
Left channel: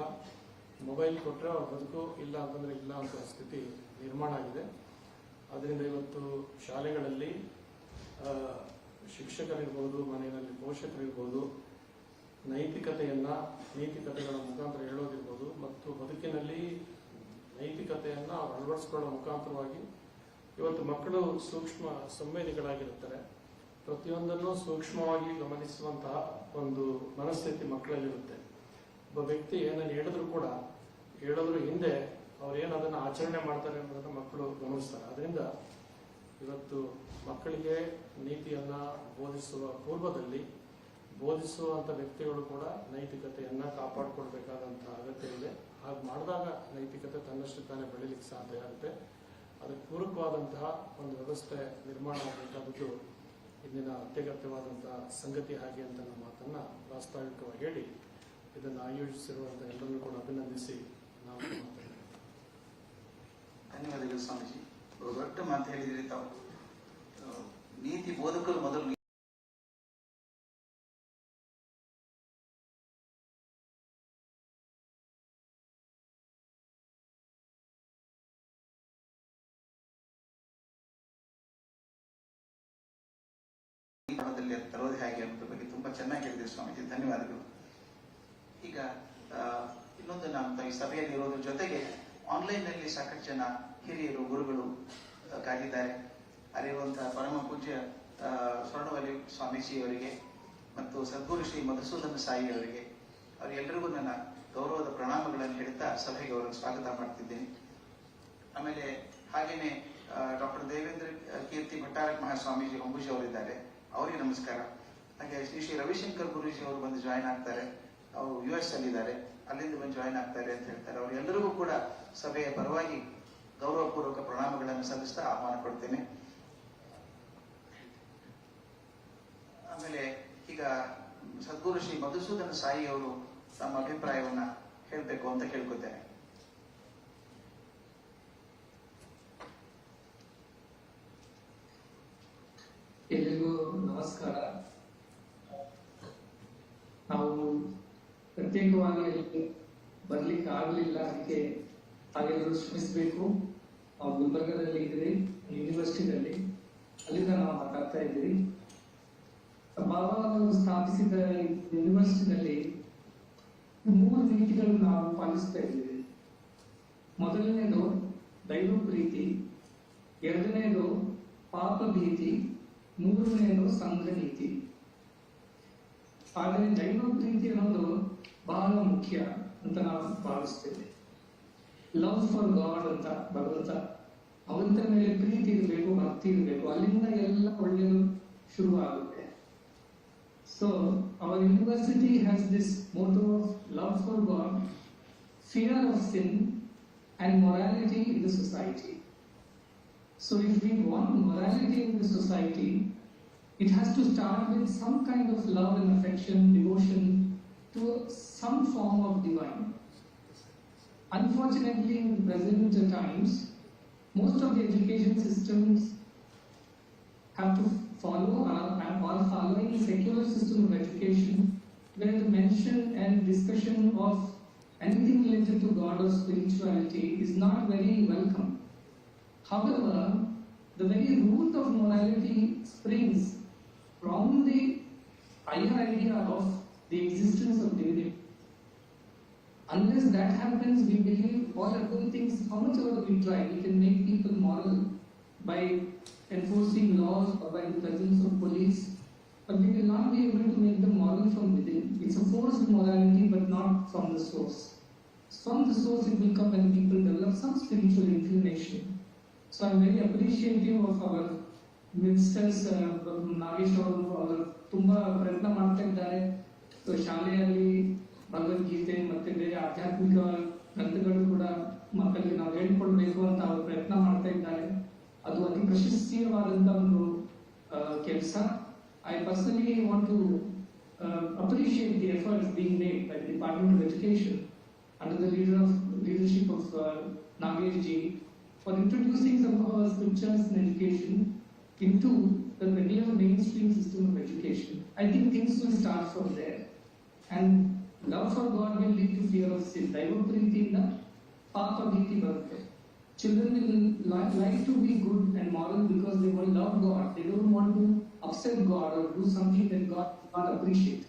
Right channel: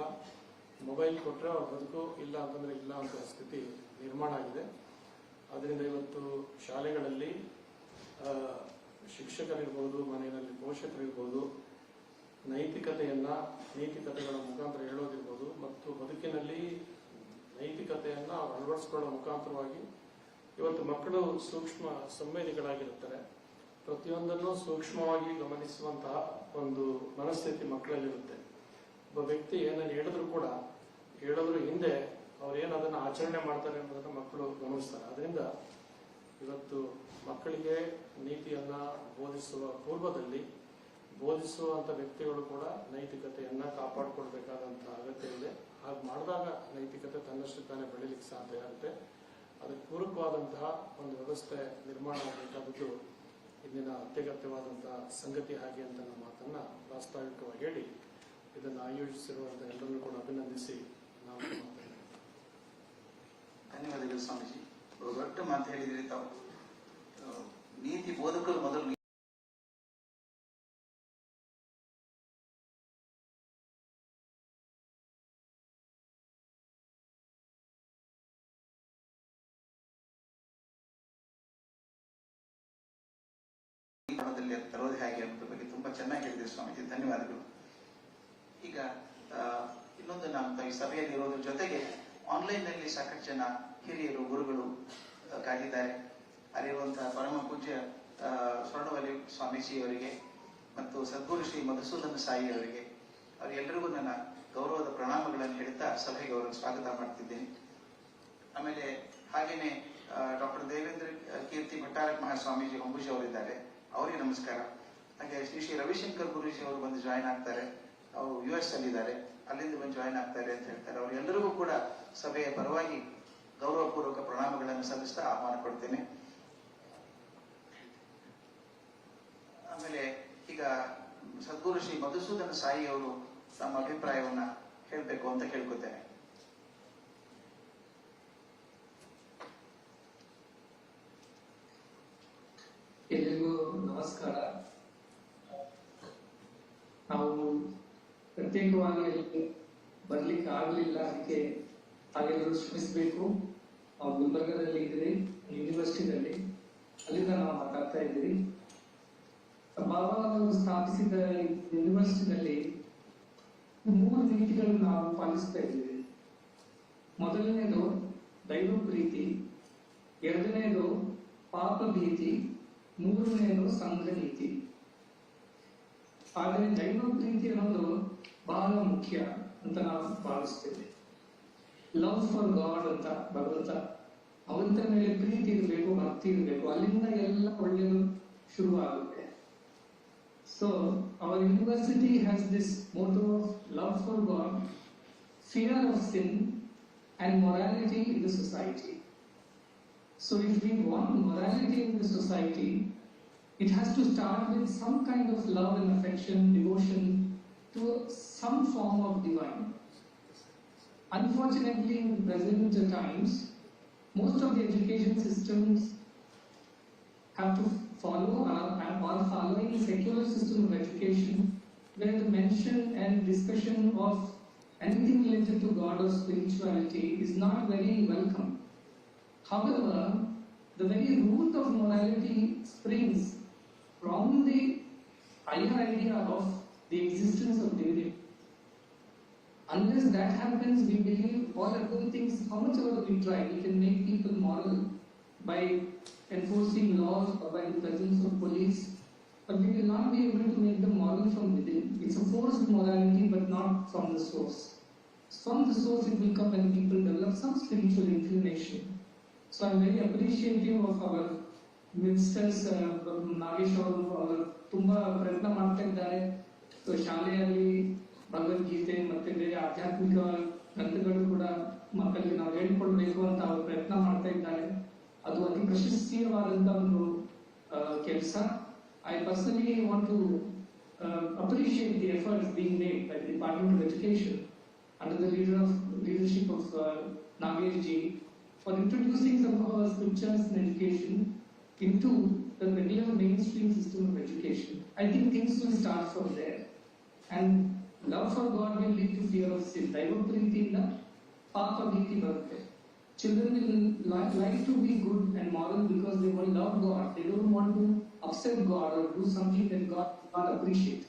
ಮೊಬೈಲ್ ಕೊಟ್ಟರೆ ಅವ್ರ ಬದುಕು, ಇಲ್ಲ ಅಂತಂದ್ರೆ ಇಲ್ಲ ಅಂತ ಸ್ಥಿತಿ ನಿರ್ಮಾಣ ಆಗಿದೆ. ಅದರಿಂದ ಇವತ್ತು ಶಾಲೆಗಳಲ್ಲಿ ಶಿಕ್ಷಕರಿರ್ಬೋದು, ಮನೆಯಲ್ಲಿ ಪೋಷಕರಿರ್ಬೋದು, ನೀತಿಕತೆಗಳ ಮುಖಾಂತರ ಹೇಳೋದಿರ್ಬೋದು ಮತ್ತು ಬದುಕಿನಲ್ಲಿ ನೈತಿಕತೆಯನ್ನ ಅಳವಡಿಸಿಕೊಳ್ಳೋ ಮುಖಾಂತರವಾಗಿ ಇವತ್ತು ಮಕ್ಕಳು ಸೂಕ್ಷ್ಮ ಸಂವೇದಿಗಳಾಗಿರುತ್ತಾರೆ. ಪ್ರತಿಯೊಂದನ್ನು ಸೂಕ್ಷ್ಮವಾಗಿ ಗಮನಿಸುವಂತಹ ಒಂದು ಮನಸ್ಥಿತಿ ಮಕ್ಕಳಲ್ಲಿರುತ್ತೆ. ಒಬ್ಬ ವ್ಯಕ್ತಿ ಏನನ್ನು ಹೇಳಿದ್ರು ಹಿಂದೆ ಅವ್ರೇನು ಅದನ್ನು ಆಚರಣೆ ಮಾಡ್ತಾರೆ ಅನ್ನೋದನ್ನ ಮಕ್ಕಳು ಗಮನಿಸ್ತಾರೆ. ಅದರಿಂದ ಇವತ್ತು ಮಕ್ಕಳಿಗೆ ನೀತಿಯನ್ನ ಬೋಧಿಸುವ ಪೂರ್ವದಲ್ಲಿ ಬೋಧಿಸುವಂತ ವ್ಯಕ್ತಿಗಳು ಕೂಡ ನೈತಿಕತೆಯನ್ನ ಕಾಪಾಡಿಕೊಳ್ಬೇಕಾದಂತಹ ಅಗತ್ಯ ಇದೆ. ಹಾಗೆ ಮಾಡಿದಾಗ ನೈತಿಕತೆ ತನ್ನಷ್ಟು ತಾನೇ ಬೆಳೀಲಿಕ್ಕೆ ಸಾಧ್ಯ ಆಗುತ್ತೆ. ಅದಕ್ಕೆ ಪೂರಕವಾದಂತಹ ಒಂದು ವ್ಯವಸ್ಥೆ ನಿರ್ಮಾಣ ಆಗಬೇಕಾದದ್ದು ಇಂದಿನ ಅತ್ಯಗತ್ಯವಾದಂತಹ ಸಂಗತಿ ಹಾಗೆ ಅಂತ ನಮ್ಮ ಮಾತನ್ನ ಪ್ರಾಸ್ತಾವಿಕವಾಗಿ ಹೇಳಿ ಇದನ್ನು ಆಯೋಜಿಸಿರುವಂತಹ ಎಲ್ಲರನ್ನೂ ಕೂಡ ಅಭಿನಂದಿಸಿ ನಾವು ಮಾತಾಡ್ತೇವೆ. ಧನ್ಯವಾದಗಳು ಸ್ವಾಮೀಜಿ. ದೊಡ್ಡ ಮಾತು ಹೇಳಿದ್ರಿ ತಾವು. ನೀತಿ ಬೋಧಕರು ಮೊದಲು ತರೋದು ಹೇಗೆ ಅನ್ನೋದ್ರ ಬಗ್ಗೆ ತುಂಬಾ ಚೆನ್ನಾಗಿ ಹೇಳಿದ್ರಿ ಸ್ವಾಮೀಜಿ, ಧನ್ಯವಾದಗಳು. ಈಗ ಇನ್ನೊಂದು ನಮ್ಮ ಈ ಸಭೆಯಲ್ಲಿ ಇರೋದ್ರ ಜೊತೆಗೆ ಆನ್ಲೈನ್ ನಲ್ಲಿ ಸಾಕಷ್ಟು ಜನ ಹಿರಿಯರು, ಗುರುಗಳು ಕಾದಿದ್ದಾರೆ. ಅಲ್ಲಿರುವಂತಹ ಪರಮ ಪೂಜ್ಯ ಸ್ವರ್ಣವಲಿ ಸ್ವಾಮೀಜಿ ಅವರಿಗೆ ಮತ್ತು ಸದ್ಗುರು ಶ್ರೀ ಮಧುಸೂದನ ಸಾಯಿ ಅವರಿಗೆ, ಅವರೆಲ್ಲರಿಗೂ ನನ್ನ ಗೌರವದ ಪ್ರಣಾಮಗಳನ್ನು ಹೇಳ್ತಾ ಸಭೆಗೆ ಅವರನ್ನು ಸ್ವಾಗತ ಮಾಡ್ತಿದ್ದೇನೆ. ಆಮೇಲೆ ಹಾಗೇನೆ ಡಾಕ್ಟರ್ ದೇವೇಂದ್ರ ಕೀರ್ತಿ ಭಟ್ಟಾರಕ ಮಹಾಸ್ವಾಮೀಜಿ ಹೊಂಬುಜಿ ಅವರಿದ್ದಾರೆ, ಅವರಿಗೆ ನಮಸ್ಕಾರ. ಹಾಗೆ ಶ್ರೀ ರವಿಶಂಕರ್ ಗುರೂಜಿ ಅವರು ಬಂದು ಜಾಯಿನ್ ಆಗ್ತಾರೆ. ಅವರು US ಅಲ್ಲಿದ್ದಾರೆ, ಅಲ್ಲಿಂದ ಬಂದು ಜಾಯಿನ್ ಆಗ್ತಾರೆ ಅಂತ ಹೇಳ್ತಾರೆ. ಅವರೆಲ್ಲರಿಗೂ ಕೂಡ ಸಭೆಯ ಪರವಾಗಿ ಗೌರವಪೂರ್ವಕ ಪ್ರಣಾಮಗಳನ್ನು ಸಲ್ಲಿಸ್ತಾ ಆಹ್ವಾನ ಕೊಡ್ತೇನೆ. ಆಮೇಲೆ ಈಗ ಸದ್ಗುರು ಶ್ರೀ ಮಧುಸೂದನ ಸಾಯಿ ಅವರು ತಮ್ಮ ಅಭಿಪ್ರಾಯವನ್ನ ಹೇಳಬೇಕು ಅಂತ ಕೇಳ್ಕೊತೇನೆ. ಎಲ್ಲರಿಗೂ ನಮಸ್ಕಾರ. ನಾವು ಪ್ರತ್ಯೇಕವಾಗಿ ಬರ್ಲಿಕ್ಕೆ ಆಗಲಿಲ್ಲ, ಅದಕ್ಕೆ ತಾವೆಲ್ಲರೂ ಶ್ರಮಿಸಬೇಕು. ನಾವು ಗುಲ್ಬರ್ಗದಲ್ಲಿ ಇದ್ದೀವಿ, ಯೂನಿವರ್ಸಿಟಿನಲ್ಲಿ, ಅಲ್ಲಿಂದ ನಾವು ಮಾತಾಡ್ತಾ ಇದ್ದೀವಿ. ಬಾಬಾ ಅವರು ಸ್ಥಾಪಿಸಿದ ಯೂನಿವರ್ಸಿಟಿನಲ್ಲಿ 3 ನೀತಿಗಳನ್ನು ನಾವು ಪಾಲಿಸ್ತಾ ಇದ್ದೀವಿ. ಮೊದಲನೇದು ದೈವ ಪ್ರೀತಿ, ಎರಡನೇದು ಪಾಪ ಭೀತಿ, ಮೂರನೇದು ಸಂಘ ನೀತಿ. ಆದರೆ ದೈವ ಪ್ರೀತಿ ಅನ್ನೋದು ಬಹಳ ಮುಖ್ಯ ಅಂತ ನಾವು ಭಾವಿಸ್ತೇವೆ. ಲವ್ ಫಾರ್ ಗಾಡ್ ಅಂತ ಭಗವಂತ, ಭಗವಂತನ ಮೇಲೆ ಪ್ರೀತಿ ಇರಬೇಕು, ಭಕ್ತಿ ಇರಬೇಕು, ಅಲ್ಲಿಂದ ಎಲ್ಲ ಒಳ್ಳೆಯದು ಶುರುವಾಗುತ್ತೆ. So our university has this motto of love for god, fear of sin and morality in the society. So if we want morality in the society, it has to start with some kind of love and affection, devotion to some form of divine. Unfortunately, in present times, most of the education systems have to follow or following secular system of education, where the mention and discussion of anything related to God or spirituality is not very welcome. However, the very root of morality springs from the higher idea of the existence of divinity. Unless that happens, we believe all other things, how much ever we try, we can make people moral by enforcing laws or by the presence of police, but we will not be able to make them moral from within. It's a forced morality, but not from the source. From the source it will come when people develop some spiritual inclination. So I'm very appreciative of our ministers, Nagesh ಅವರು ತುಂಬಾ ಪ್ರಯತ್ನ ಮಾಡ್ತಾ ಇದ್ದಾರೆ. ಶಾಲೆಯಲ್ಲಿ ಭಗವದ್ಗೀತೆ ಮತ್ತೆ ಬೇರೆ ಆಧ್ಯಾತ್ಮಿಕ ಗ್ರಂಥಗಳು ಕೂಡ ಮಕ್ಕಳಿಗೆ ನಾವು ಹೇಳ್ಕೊಳ್ಬೇಕು ಅಂತ ಅವರು ಪ್ರಯತ್ನ ಮಾಡ್ತಾ ಇದ್ದಾರೆ. ಅದು ಅತಿ ಪ್ರಶಸ್ತೀಯವಾದಂತ ಒಂದು ಕೆಲಸ. I personally want to appreciate the efforts being made by the Department of Education under the leadership of Nagesh ji for introducing some of our scriptures in education into the regular mainstream system of education. I think things will start from there. And love for God will lead to fear of sin. Daiva preetinda papa bhiti barutte. Children will like to be good and moral because they will love God. They don't want to upset God or do something that God will not appreciate.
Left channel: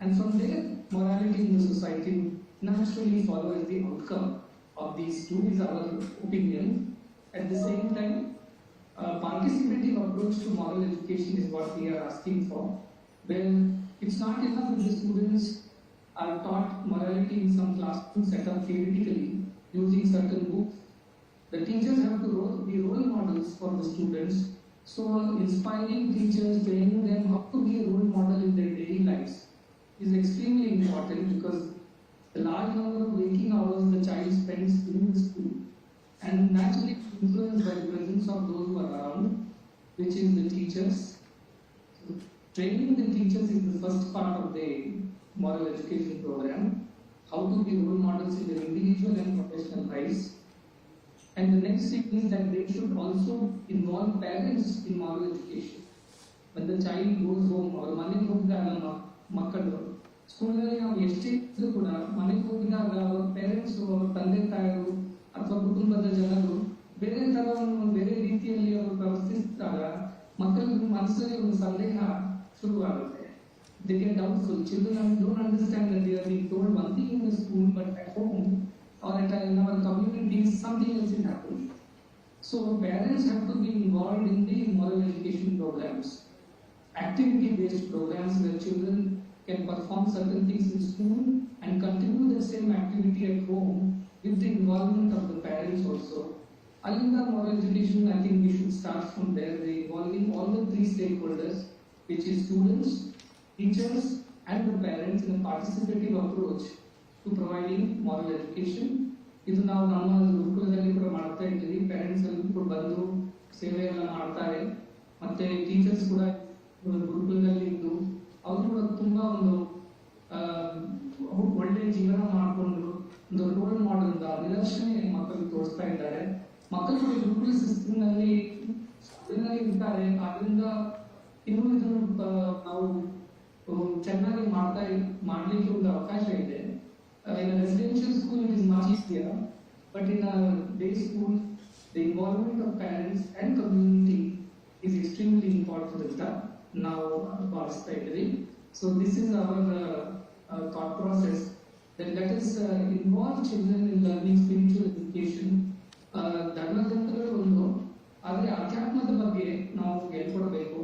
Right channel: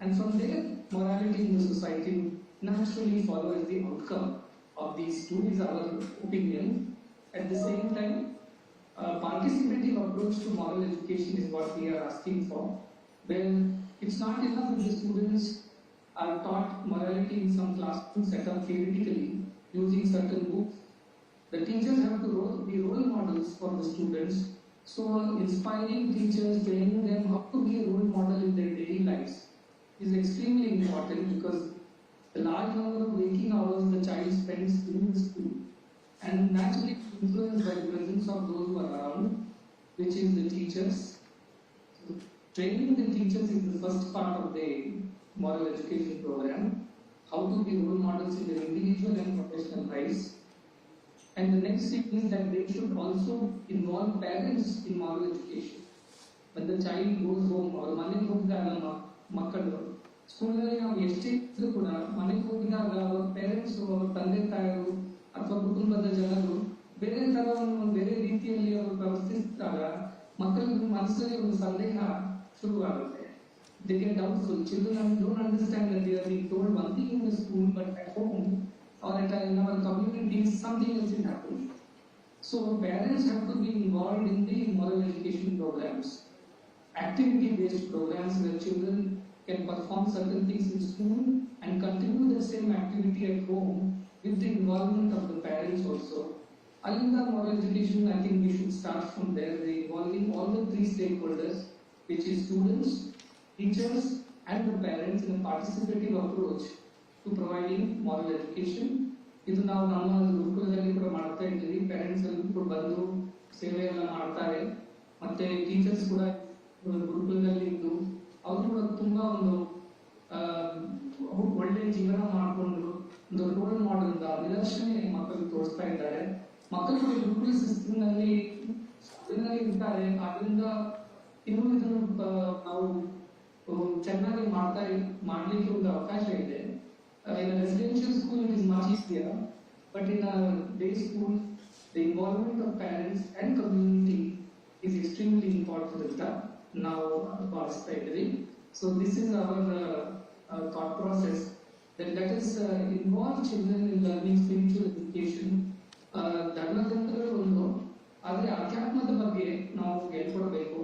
And from there, morality in the society will naturally follow as the outcome of these two, is our opinion. At the same time, participative approach to moral education is what we are asking for. Well, it's not enough if the students are taught morality in some classroom setup theoretically using certain books. The teachers have to be role models for the students. So inspiring teachers, training them how to be a role model in their daily lives is extremely important, because the large number of waking hours the child spends in the school and naturally influenced by the presence of those who are around, which is the teachers. So, training the teachers is the first part of the moral education program, how to be role models in their individual and professional lives. And the next thing is that they should also involve parents in moral education. When the child goes home, or ಮನೆಗೆ ಹೋಗಿದಾಗ ಮಕ್ಕಳು ಸ್ಕೂಲ್ನಲ್ಲಿ ನಾವು ಎಷ್ಟೇ ಇದ್ರೂ ಕೂಡ ಮನೆಗೆ ಹೋಗಿದಾಗ ಅವರ parents, ಅವರ ತಂದೆ ತಾಯಿಗಳು ಅಥವಾ ಕುಟುಂಬದ ಜನರು ಬೇರೆ ತರವನ್ನು ಬೇರೆ ರೀತಿಯಲ್ಲಿ ಅವರು ಪ್ರವರ್ತಿಸಿದಾಗ ಮಕ್ಕಳಿಗೆ ಮನಸ್ಸಲ್ಲಿ ಒಂದು ಸಂದೇಹ ಶುರುವಾಗುತ್ತೆ. They get doubtful. Children don't understand that they are being told one thing in the school, but at home or in our communities something else is happening. So parents have to be involved in the moral education programs, activity-based programs where children can perform certain things in school and continue the same activity at home with the involvement of the parents also. Alinda moral education, I think we should start from there, involving all the three stakeholders, which is students, teachers and the parents in a participative approach to providing moral education. ಇದು ನಾವು ನಮ್ಮ ಗುರುಕುಲದಲ್ಲಿ ಕೂಡ ಮಾಡ್ತಾ ಇದ್ದೀವಿ. Parents ಅಲ್ಲಿ ಕೂಡ ಬಂದು ಸೇವೆ ಎಲ್ಲ ಮಾಡ್ತಾರೆ, ಮತ್ತೆ ಟೀಚರ್ಸ್ ಕೂಡ ಗುರುಕುಲದಲ್ಲಿ ಇದ್ದು ಅವರು ಕೂಡ ತುಂಬಾ ಒಂದು ಒಳ್ಳೆ ಜೀವನ ಮಾಡಿಕೊಂಡು ಒಂದು ರೋಲ್ ಮಾಡೆಲ್ ನಿದರ್ಶನ ಮಕ್ಕಳಿಗೆ ತೋರಿಸ್ತಾ ಇದ್ದಾರೆ. ಮಕ್ಕಳು ಕೂಡ ಗುರುಕುಲ ಸಿಸ್ಟಮ್ ನಲ್ಲಿ ಇರ್ತಾರೆ, ಅದರಿಂದ ಇನ್ನೂ ಇದನ್ನು ನಾವು ಚೆನ್ನಾಗಿ ಮಾಡ್ಲಿಕ್ಕೆ ಒಂದು ಅವಕಾಶ ಇದೆ. In a residential school it is much easier, but in a day school the involvement of parents and community is extremely important. Now so this is our thought process, that let us involve children in learning spiritual education ಧರ್ಮಗ್ರಂಥಗಳು ಒಂದು, ಆದರೆ ಅಧ್ಯಾತ್ಮದ ಬಗ್ಗೆ ನಾವು ಹೇಳ್ಕೊಡ್ಬೇಕು.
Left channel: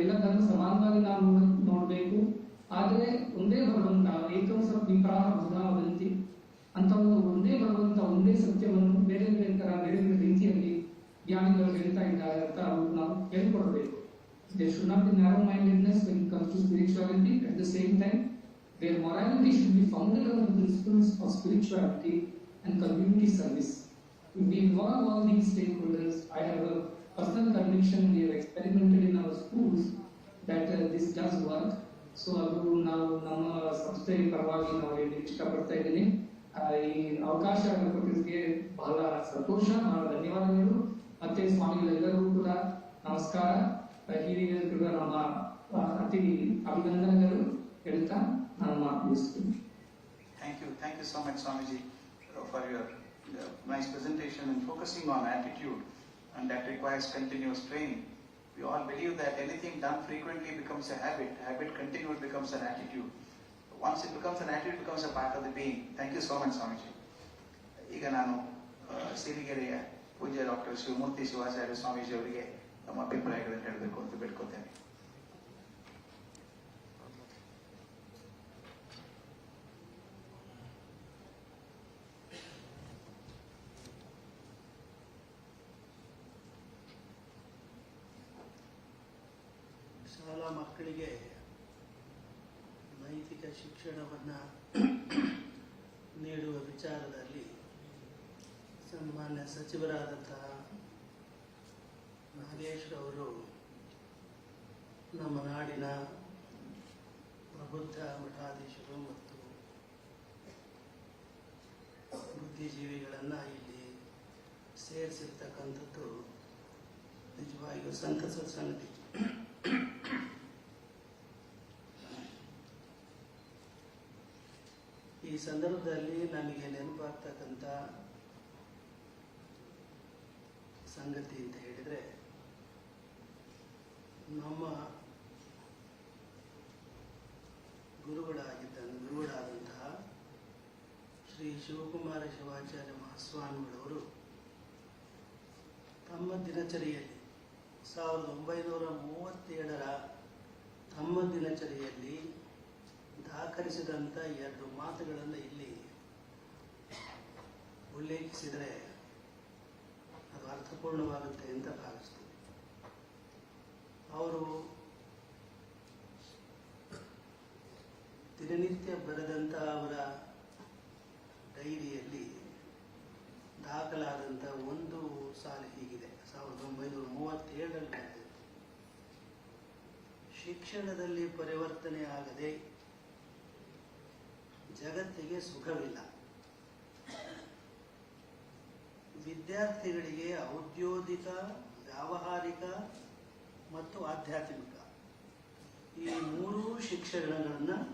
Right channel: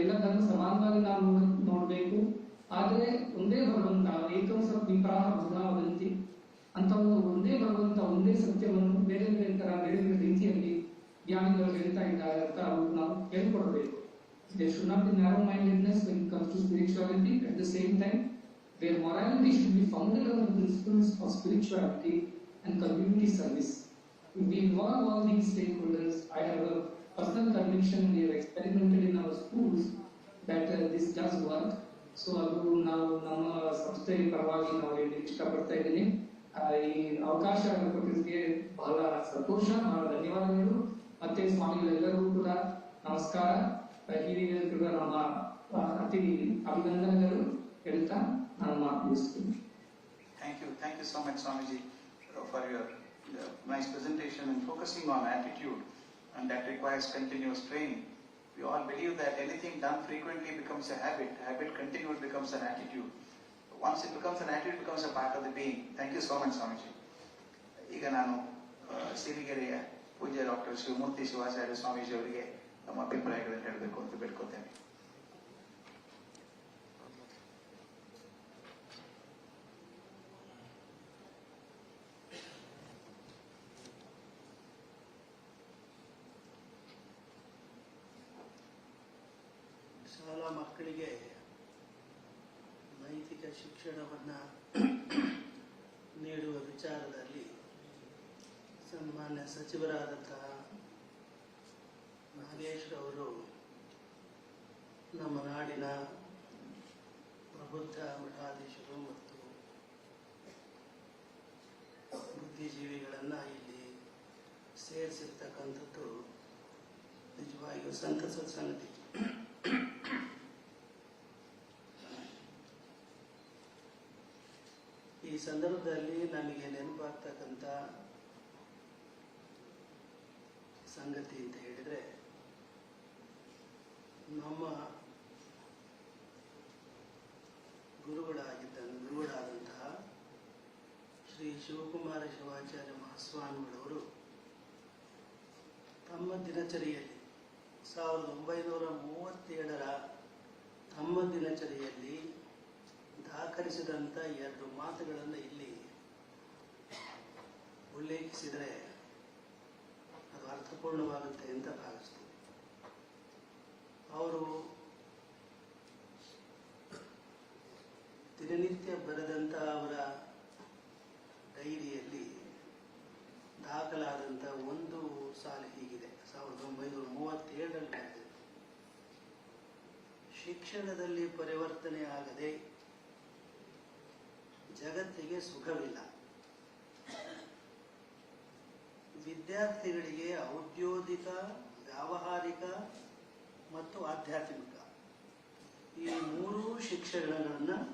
ಎಲ್ಲ ಧರ್ಮ ಸಮಾನವಾಗಿ ನಾವು ನೋಡಬೇಕು. ಆದರೆ ಒಂದೇ ಭಗವಂತ, ಏಕಂ ಸತ್ ವಿಪ್ರಾಹ ಬಹುಧಾ ವದಂತಿ ಅಂತ ಒಂದೇ ಭಗವಂತ, ಒಂದೇ ಸತ್ಯವನ್ನು ಬೇರೆ ಬೇರೆ ತರ ಬೇರೆ ಬೇರೆ ರೀತಿಯಲ್ಲಿ ಜ್ಞಾನಿಗಳು ಹೇಳ್ತಾ ಇದ್ದಾರೆ ಅಂತ ನಾವು ಹೇಳ್ಕೊಡ್ಬೇಕು. There should not be narrow-mindedness when it comes to spirituality. At the same time, their morality should be founded on the principles of spirituality and community service. If we involve all these stakeholders, I have a personal conviction, we have experimented in our schools that this does work. So ಅದು ನಾವು ನಮ್ಮ ಸಂಸ್ಥೆ ಪರವಾಗಿ ನಾವು ಇಷ್ಟಪಡ್ತಾ ಇದ್ದೀನಿ. ಈ ಅವಕಾಶ ಕೊಟ್ಟಿದ್ದಕ್ಕೆ ಬಹಳ ಸಂತೋಷ, ಬಹಳ ಧನ್ಯವಾದಗಳು. ಮತ್ತೆ ಸ್ವಾಮಿಗಳೆಲ್ಲರೂ ಕೂಡ ನಮಸ್ಕಾರ. ಹಿರಿಯರು ನಮ್ಮ ಅತಿ ಅಭಿನಂದನೆಗಳು ಹೇಳ್ತಾ ನಾನು ಮಾತು ಮುಗಿಸ್ತೀನಿ. Thank you so much, Swamiji, for your nice presentation and focusing on attitude, and that requires continuous training. We all believe that anything done frequently becomes a habit continued becomes an attitude. Once it becomes an attitude, it becomes a part of the being. Thank you so much, Swamiji. ಈಗ ನಾನು ಸಿರಿಗೆರೆಯ ಪೂಜ್ಯ doctor Shivamurthy Shivacharya Swamiji ಅವರಿಗೆ ನಮ್ಮ ಅಭಿಪ್ರಾಯಗಳನ್ನು ಹೇಳಬೇಕು ಅಂತ ಬೇಡ್ಕೊತೇನೆ. ಶಾಲಾ ಮಕ್ಕಳಿಗೆ ನೈತಿಕ ಶಿಕ್ಷಣವನ್ನು ನೀಡುವ ವಿಚಾರದಲ್ಲಿ ಸನ್ಮಾನ್ಯ ಸಚಿವರಾದಂತಹ ನಾಗೇಶ್ ಅವರು ನಮ್ಮ ನಾಡಿನ ಪ್ರಬುದ್ಧ ಮಠಾಧೀಶರು ಮತ್ತು ಬುದ್ಧಿಜೀವಿಗಳನ್ನು ಇಲ್ಲಿ ಸೇರಿಸಿರ್ತಕ್ಕಂಥದ್ದು ನಿಜವಾಗಿಯೂ ಸಂತಸದ ಸಂಗತಿ. ಈ ಸಂದರ್ಭದಲ್ಲಿ ನನಗೆ ನೆನಪಾಗ್ತಕ್ಕಂಥ ಸಂಗತಿ ಅಂತ ಹೇಳಿದರೆ, ನಮ್ಮ ಗುರುಗಳಾದಂತಹ ಶ್ರೀ ಶಿವಕುಮಾರ ಶಿವಾಚಾರ್ಯ ಮಹಾಸ್ವಾಮಿಗಳವರು ತಮ್ಮ ದಿನಚರಿಯಲ್ಲಿ 1937ರ ತಮ್ಮ ದಿನಚರಿಯಲ್ಲಿ ದಾಖಲಿಸಿದಂಥ 2 ಮಾತುಗಳನ್ನು ಇಲ್ಲಿ ಉಲ್ಲೇಖಿಸಿದರೆ ಅದು ಅರ್ಥಪೂರ್ಣವಾಗುತ್ತೆ ಅಂತ ಭಾವಿಸ್ತೀನಿ. ಅವರು ದಿನನಿತ್ಯ ಬರೆದಂಥ ಅವರ ಡೈರಿಯಲ್ಲಿ ದಾಖಲಾದಂಥ ಒಂದು ಸಾಲು ಹೀಗಿದೆ. 1937ರಲ್ಲಿ ಬರೆದಿದೆ: ಶಿಕ್ಷಣದಲ್ಲಿ ಪರಿವರ್ತನೆ ಆಗದೆ ಜಗತ್ತಿಗೆ ಸುಖವಿಲ್ಲ. ವಿದ್ಯಾರ್ಥಿಗಳಿಗೆ ಔದ್ಯೋಗಿಕ, ವ್ಯಾವಹಾರಿಕ ಮತ್ತು ಆಧ್ಯಾತ್ಮಿಕ ಈ 3 ಶಿಕ್ಷಣಗಳನ್ನು